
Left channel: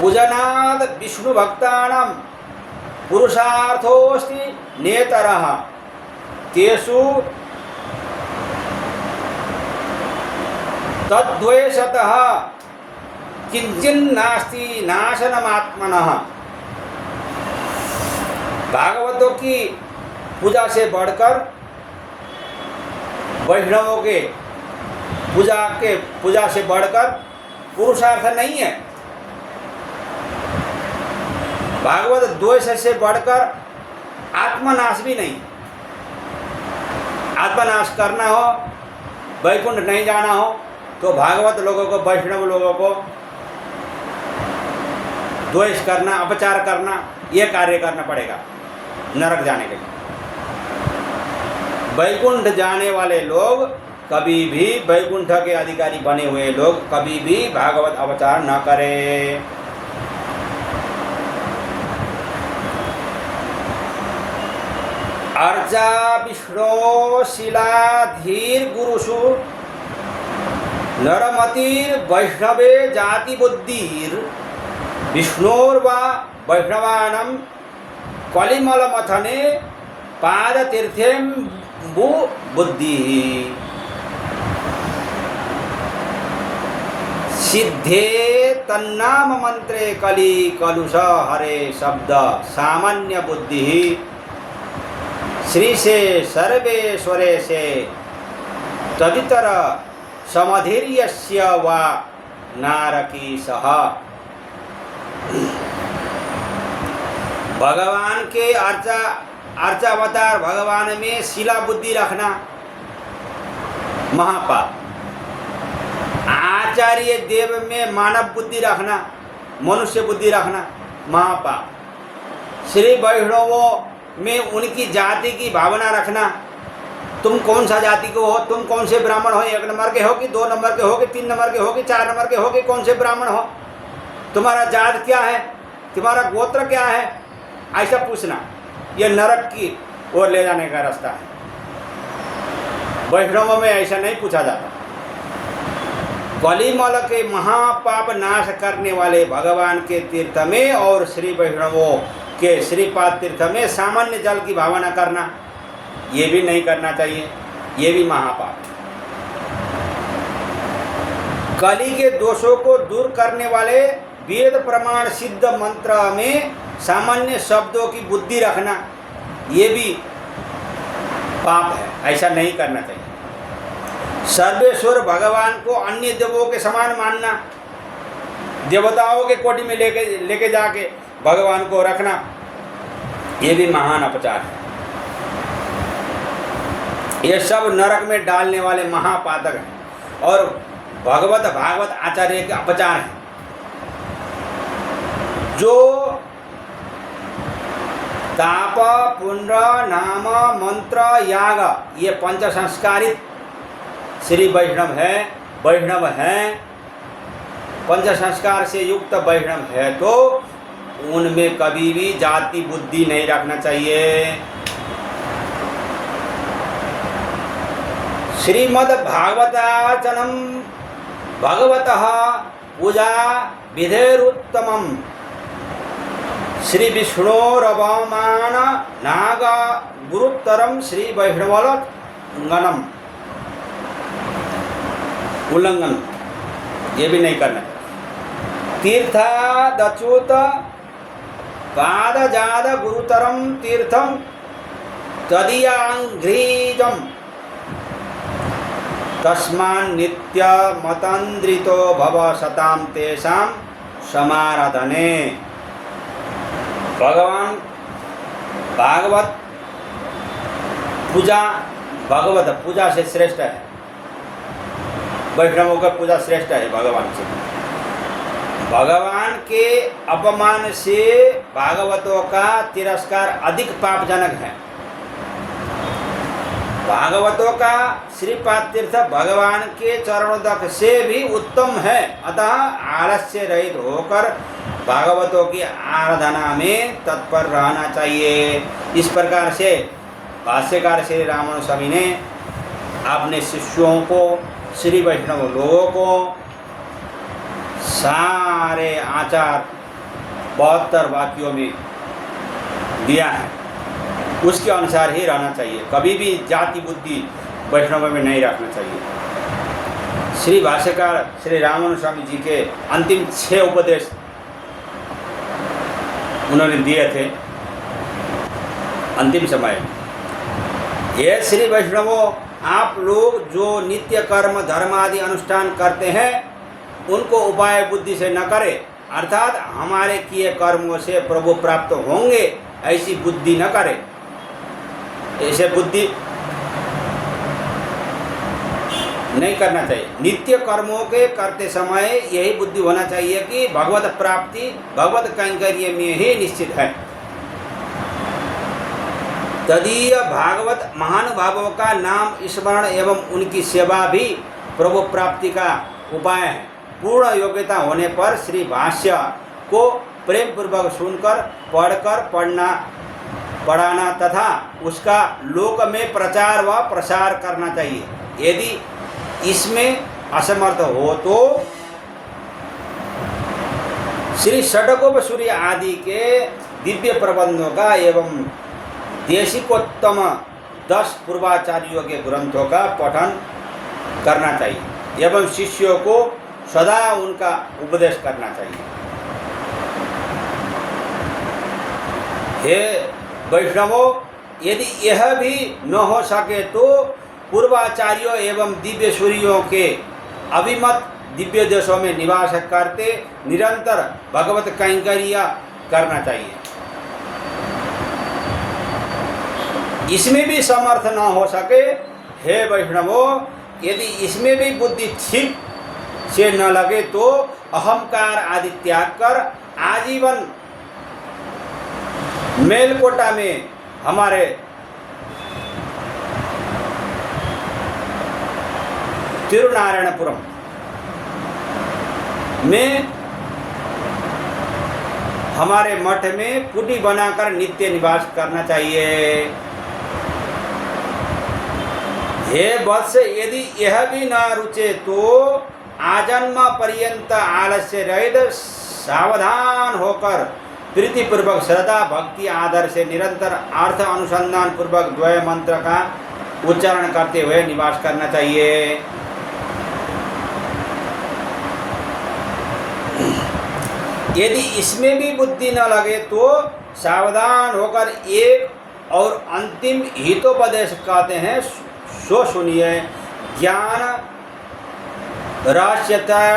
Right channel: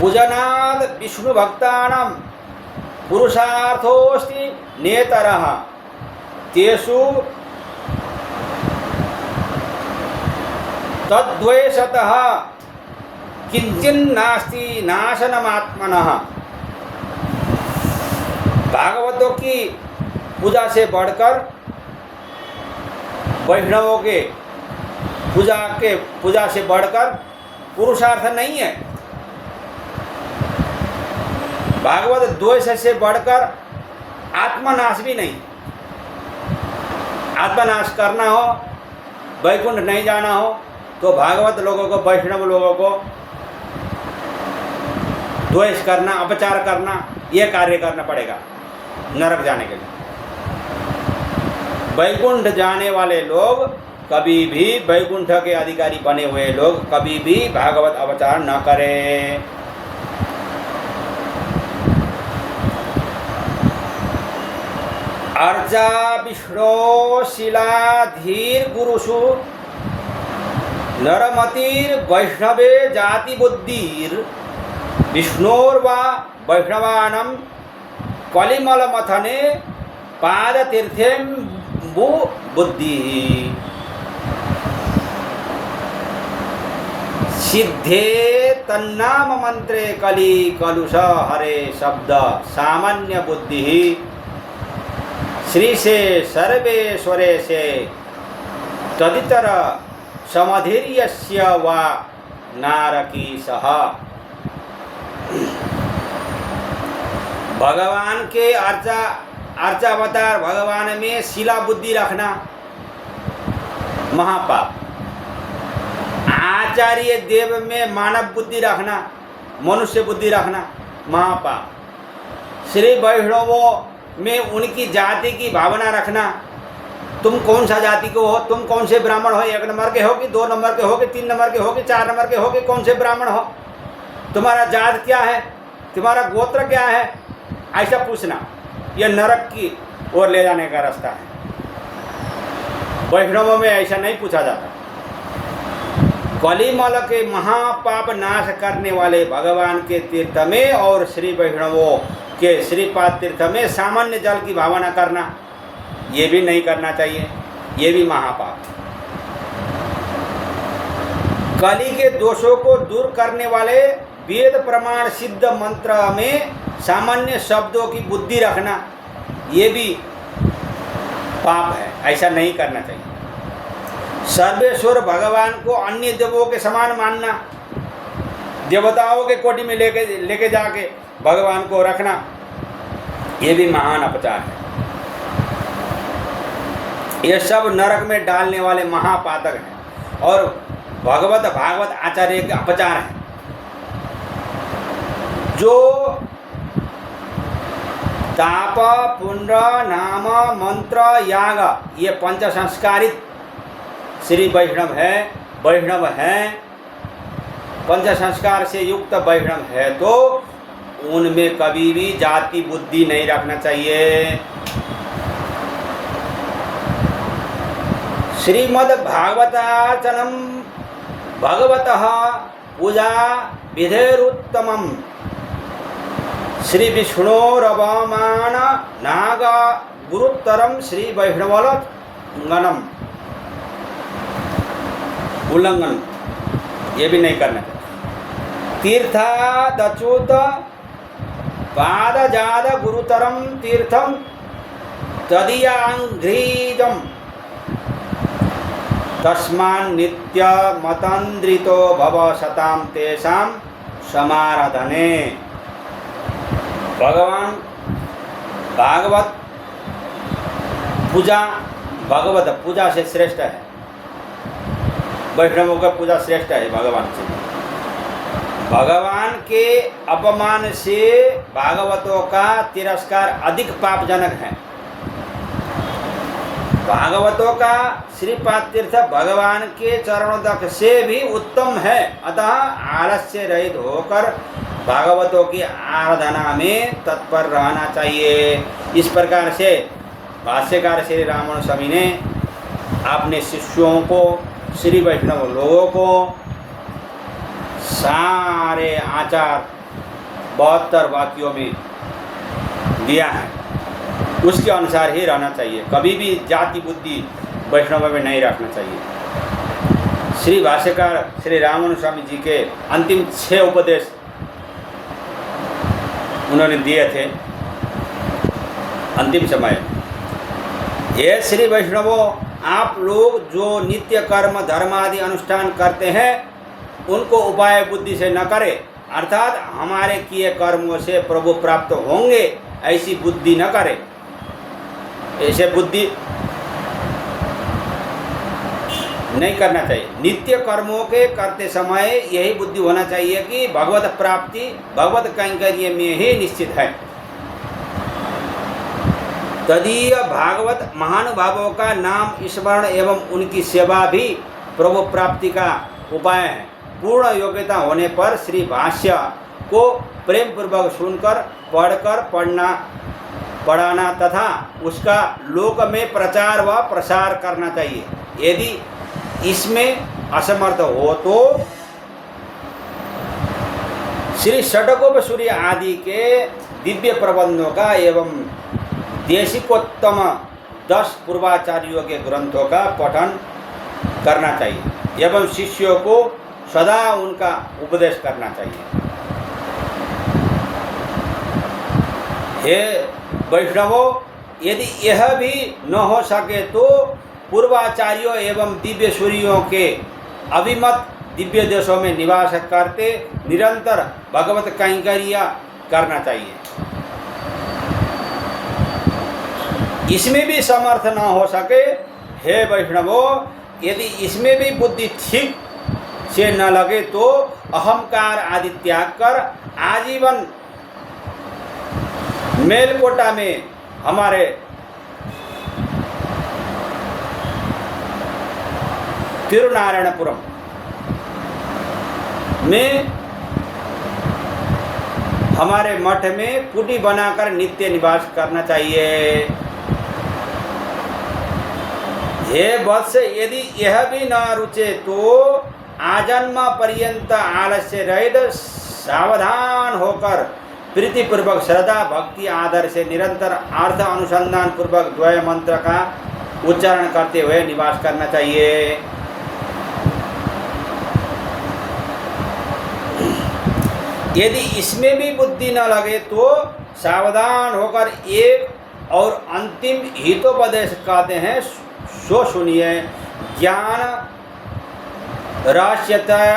पूजनाद विष्णु भक्तानां पुरुषार्थोस्ति नेतरः तेषु तद्द्वेषतः किंचिन्नास्ति नाशनमात्मनः। भागवतों की पूजा से बढ़कर वैष्णवों के पूजा से बढ़कर पुरुषार्थ नहीं है। भागवत द्वेष से बढ़कर आत्मनाश भी नहीं। आत्मनाश करना हो, वैकुंठ नहीं जाना हो, तो भागवत लोगों को, वैष्णव लोगों को द्वेष करना, अपचार करना, यह कार्य करना पड़ेगा नरक जाने के लिए। वैकुंठ जाने वाले लोग कभी भी, वैकुंठ के अधिकारी बने हुए लोग कभी भी भागवत अपचार न करें। अर्चा विष्णु शिलाधीर गुरुषु नरमतिर वैष्णवे जाति बुद्धिर विष्णोर्वा वैष्णवानम कलिमल मथने पादतीर्थेम बुद्धि सिद्धे तन्नाम मंत्रे कली कलुष हरे शब्द सामान्य बुद्धि श्री से सर्वेश्वरे से तदितर समधीर्यस्य वा नारकी सह। भगवान के अर्चावतार भगवान में शिला बुद्धि रखना महापाप। आचार्य देव में मानव बुद्धि रखना, मनुष्य बुद्धि रखना महापाप। श्री वैष्णवों में उनकी जाति की भावना रखना, तुम कौन सा जाति को हो, तुम कौन से ब्राह्मण हो, 1 नंबर के हो कि 2 नंबर के हो कि 3 नंबर के हो कि 4 नंबर के हो कि कौन से ब्राह्मण हो, तुम्हारा जात क्या है, तुम्हारा गोत्र क्या है, ऐसा पूछना, यह नरक की ओर ले जाने का रास्ता है। वैष्णवों में ऐसा नहीं पूछा जाता। कलिमल के महापाप नाश करने वाले भगवान के तीर्थ में और श्री वैष्णवों के श्रीपाद तीर्थ में सामान्य जल की भावना करना, ये भी नहीं करना चाहिए, ये भी महापाप। कली के दोषों को दूर करने वाले वेद प्रमाण सिद्ध मंत्र में सामान्य शब्दों की बुद्धि रखना, ये भी पाप है, ऐसा नहीं करना चाहिए। सर्वेश्वर भगवान को अन्य देवों के समान मानना, देवताओं के कोटि में लेके जाके भगवान को रखना, ये भी महान अपचार है। ये सब नरक में डालने वाले महापातक हैं और भागवत आचार्य के अपचार हैं। जो ताप पुण्य नाम मंत्र याग, ये पंच संस्कारित श्री वैष्णव है, पंच संस्कार से युक्त वैष्णव है, तो उनमें कभी भी जाति बुद्धि नहीं रखना चाहिए। श्रीमद् भागवताचनम भगवतः पूजा विधेरुत्तमम श्री विष्णोरवमान नाग गुरुत्तरम श्री वैष्णवगणम उल्लंघन, ये भी नहीं करना। तीर्थादच्युत पादजाद गुरुतरम तीर्थम तदीयांघ्रीजम तस्मान् नित्य मतंद्रितो भव सताम तेषां समाराधने। भगवान भागवत पूजा, भगवत पूजा से श्रेष्ठ है, वैष्णवों का पूजा श्रेष्ठ है भगवान से। भगवान के अपमान से भागवतों का तिरस्कार अधिक पापजनक है। भागवतों का श्रीपाद तीर्थ भगवान के चरणों तक से भी उत्तम है। अतः आलस्य रहित होकर भागवतों की आराधना में तत्पर रहना चाहिए। इस प्रकार से भाष्यकार श्री रामानुज स्वामी ने अपने शिष्यों को, श्री वैष्णव लोगों को सारे आचार 72 वाक्यों में दिया है, उसके अनुसार ही रहना चाहिए। कभी भी जाति बुद्धि वैष्णव में नहीं रखना चाहिए। श्री भाष्यकार श्री रामानुज स्वामी जी के अंतिम 6 उपदेश उन्होंने दिए थे अंतिम समय। ये श्री वैष्णवों, आप लोग जो नित्य कर्म धर्म आदि अनुष्ठान करते हैं, उनको उपाय बुद्धि से न करें, अर्थात हमारे किए कर्मों से प्रभु प्राप्त होंगे ऐसी बुद्धि न करें। ऐसे बुद्धि नहीं करना चाहिए। नित्य कर्मों के करते समय यही बुद्धि होना चाहिए कि भगवत प्राप्ति भगवत कैंकर्य में ही निश्चित है। तदीय भागवत महानुभावों का नाम स्मरण एवं उनकी सेवा भी प्रभु प्राप्ति का उपाय है। पूर्ण योग्यता होने पर श्री भाष्य को प्रेम पूर्वक सुनकर पढ़कर पढ़ाना तथा उसका लोक में प्रचार व प्रसार करना चाहिए। यदि इसमें असमर्थ हो तो श्री षडकोपसूर्य आदि के दिव्य प्रबंधों का एवं देशिकोत्तम 10 पूर्वाचार्यों के ग्रंथों का पठन करना चाहिए एवं शिष्यों को सदा उनका उपदेश करना चाहिए। हे वैष्णवों, यदि यह भी न हो सके तो पूर्वाचार्यों एवं दिव्य सूर्यों के अभिमत दिव्य देशों में निवास करते निरंतर भगवत कैंकर्य करना चाहिए। इसमें भी समर्थ न हो सके, हे वैष्णवों, यदि इसमें भी बुद्धि ठीक से न लगे तो अहंकार आदि त्याग कर आजीवन मेलकोटा में हमारे तिरुनारायणपुरम में हमारे मठ में कुटी बनाकर नित्य निवास करना चाहिए। हे वत्स, यदि यह भी न रुचे तो आजन्म पर्यंत आलस्य रहित सावधान होकर प्रीतिपूर्वक श्रद्धा भक्ति आदर से निरंतर अर्थ अनुसंधान पूर्वक द्वय मंत्र का उच्चारण करते हुए निवास करना चाहिए। यदि इसमें भी बुद्धि न लगे तो सावधान होकर एक और अंतिम हितोपदेश कहते हैं, सो सुनिए। ज्ञान रहस्यत्रय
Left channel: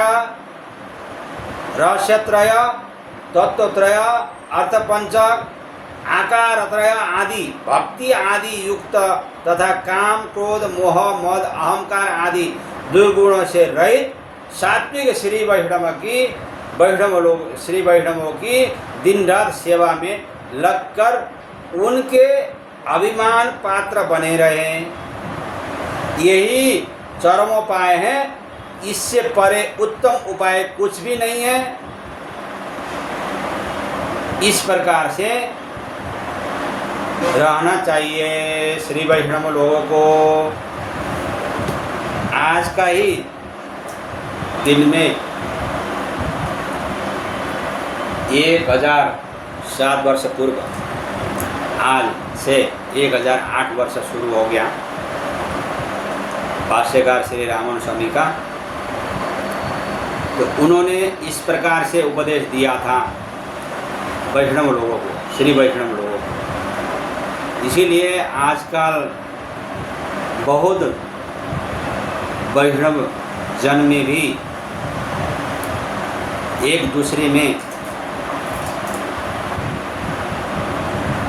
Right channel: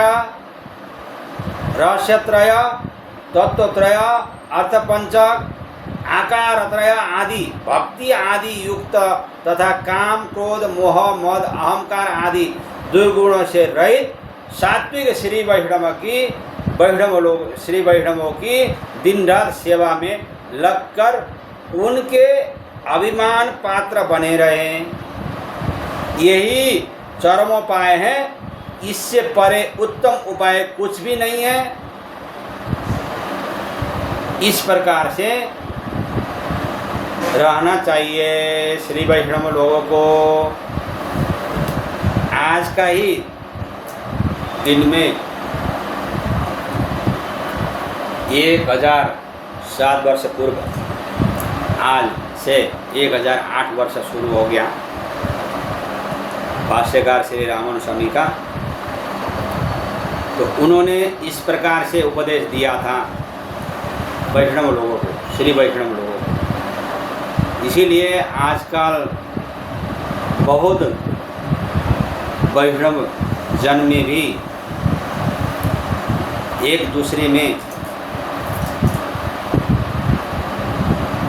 तत्वत्रय अर्थपंचक आकारत्रय आदि भक्ति आदि युक्त तथा काम क्रोध मोह मद अहंकार आदि दुर्गुणों से रहित सात्विक श्री वैष्णवों की दिन रात सेवा में लगकर उनके अभिमान पात्र बने रहें, यही चरमोपाय है। इससे परे उत्तम उपाय कुछ भी नहीं है। इस प्रकार से रहना चाहिए श्री वैष्णव लोगों को। आज का ही दिन में 1007 वर्ष पूर्व, आज से 1008 वर्ष शुरू हो गया भाष्यकार श्री रामानुज स्वामी का। तो उन्होंने इस प्रकार से उपदेश दिया था वैष्णव लोगों को, श्री वैष्णव लोगों को। इसीलिए आजकल बहुत वैष्णव जन में भी एक दूसरे में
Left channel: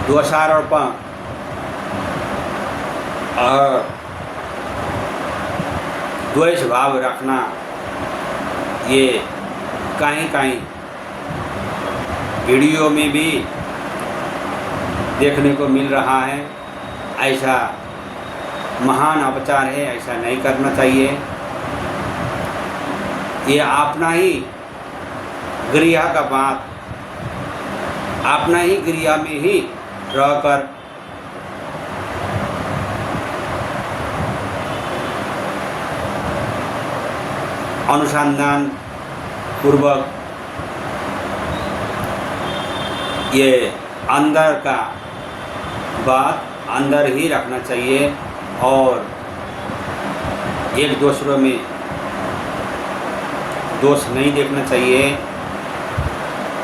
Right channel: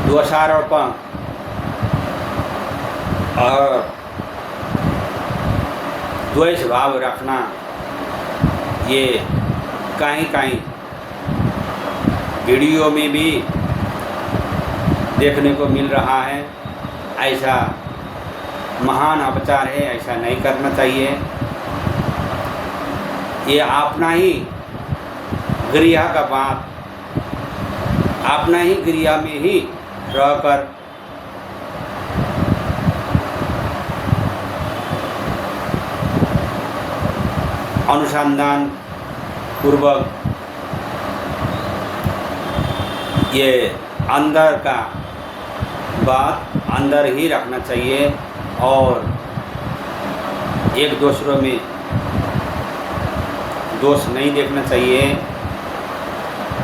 दोषारोपण और द्वेष भाव रखना ये कहीं वीडियो में भी देखने को मिल रहा है। ऐसा महान अपचार है, ऐसा नहीं करना चाहिए। ये अपना ही गृह का बात, अपना ही गृह में ही रहकर अनुसंधान पूर्वक ये अंदर का बात अंदर ही रखना चाहिए और एक दूसरों में दोष नहीं देखना चाहिए।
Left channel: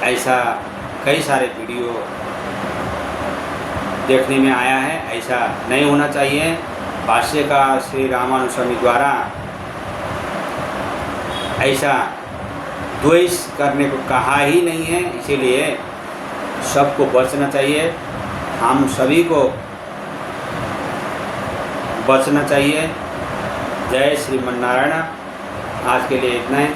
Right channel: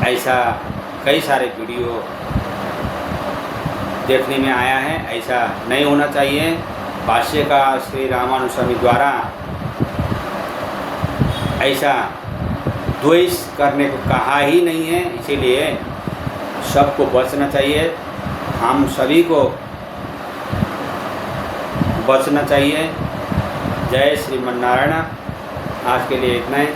ऐसा कई सारे वीडियो देखने में आया है, ऐसा नहीं होना चाहिए। भाष्यकार श्री रामानुज स्वामी द्वारा ऐसा द्वेष करने को कहा ही नहीं है, इसीलिए सबको बचना चाहिए, हम सभी को बचना चाहिए। जय श्रीमन्नारायण। आज के लिए इतना ही।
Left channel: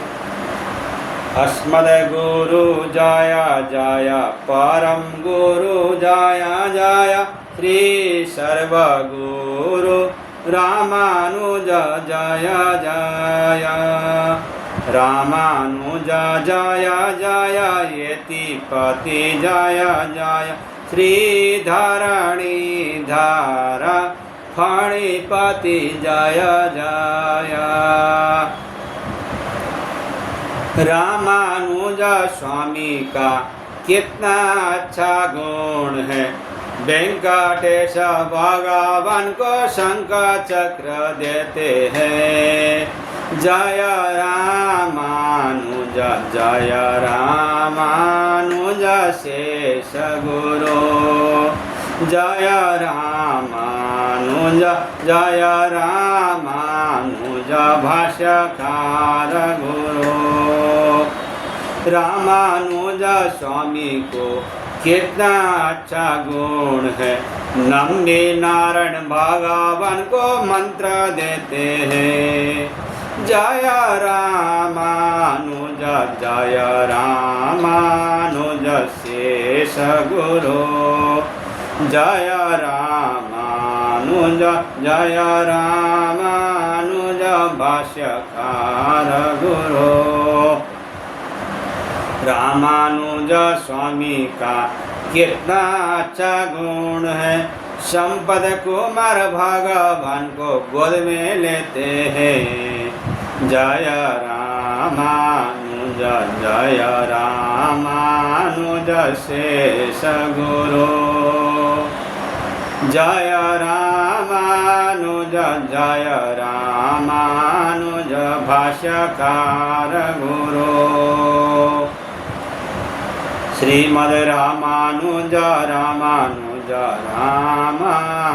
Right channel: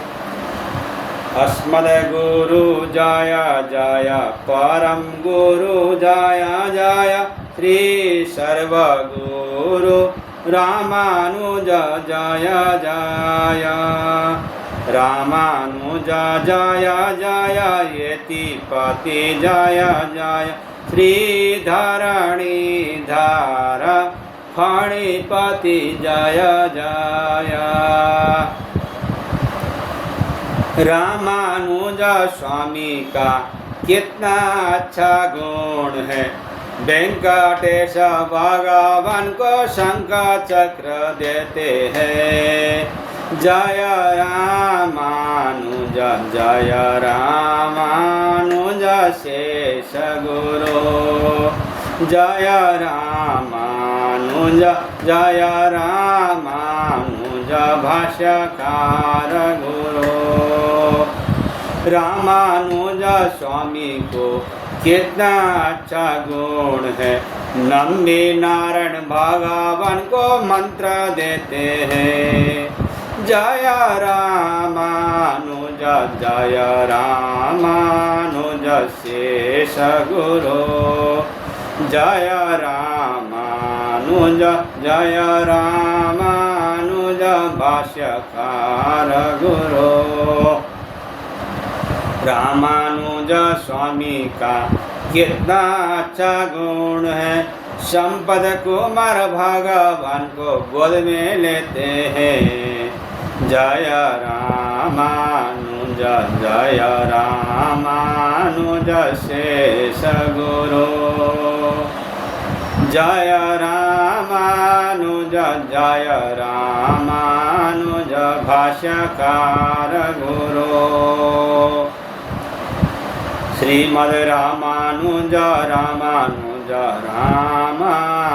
अस्मद्गुरु जय जय, परम गुरु जय जय, श्री सर्वगुरु रामानुज जय जय, रामानुज जय जय, यतिपति जय जय, श्री धरणीधर फणिपति जय जय। रामानुज स्वामी का कितना अच्छा गुण है, वेंकटेश भगवान को शंख चक्र देते हैं। जय रामानुज जय रामानुज शेष गुरु, जय रामानुज जय रामानुज भाष्यकार गुरु। रामानुज स्वामी को कितना अच्छा गुण है, नंदी नारायण भगवान को मंत्र देते हैं। जय रामानुज जय रामानुज शेष गुरु, जय रामानुज जय रामानुज भाष्यकार गुरु। रामानुज स्वामी का कितना अच्छा गुण है, संपद कुमार भगवान को गोद में लेते हैं। जय रामानुज जय रामानुज शेष गुरु, जय रामानुज जय रामानुज भाष्यकार गुरु। श्रीमद् रामानुज रामानुज रामानुज,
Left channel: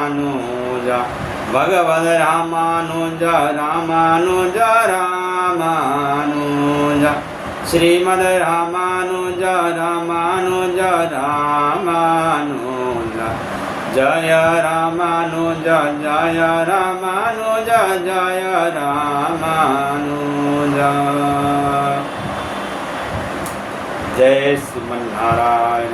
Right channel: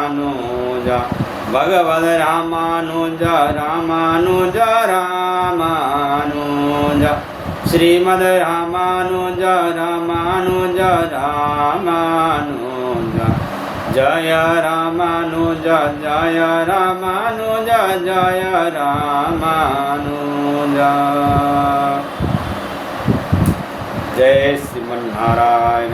भगवद रामानुज रामानुज रामानुज, श्रीमद् रामानुज रामानुज रामानुज, जय रामानुज जय रामानुज जय रामानुज। जय श्रीमन्नारायण।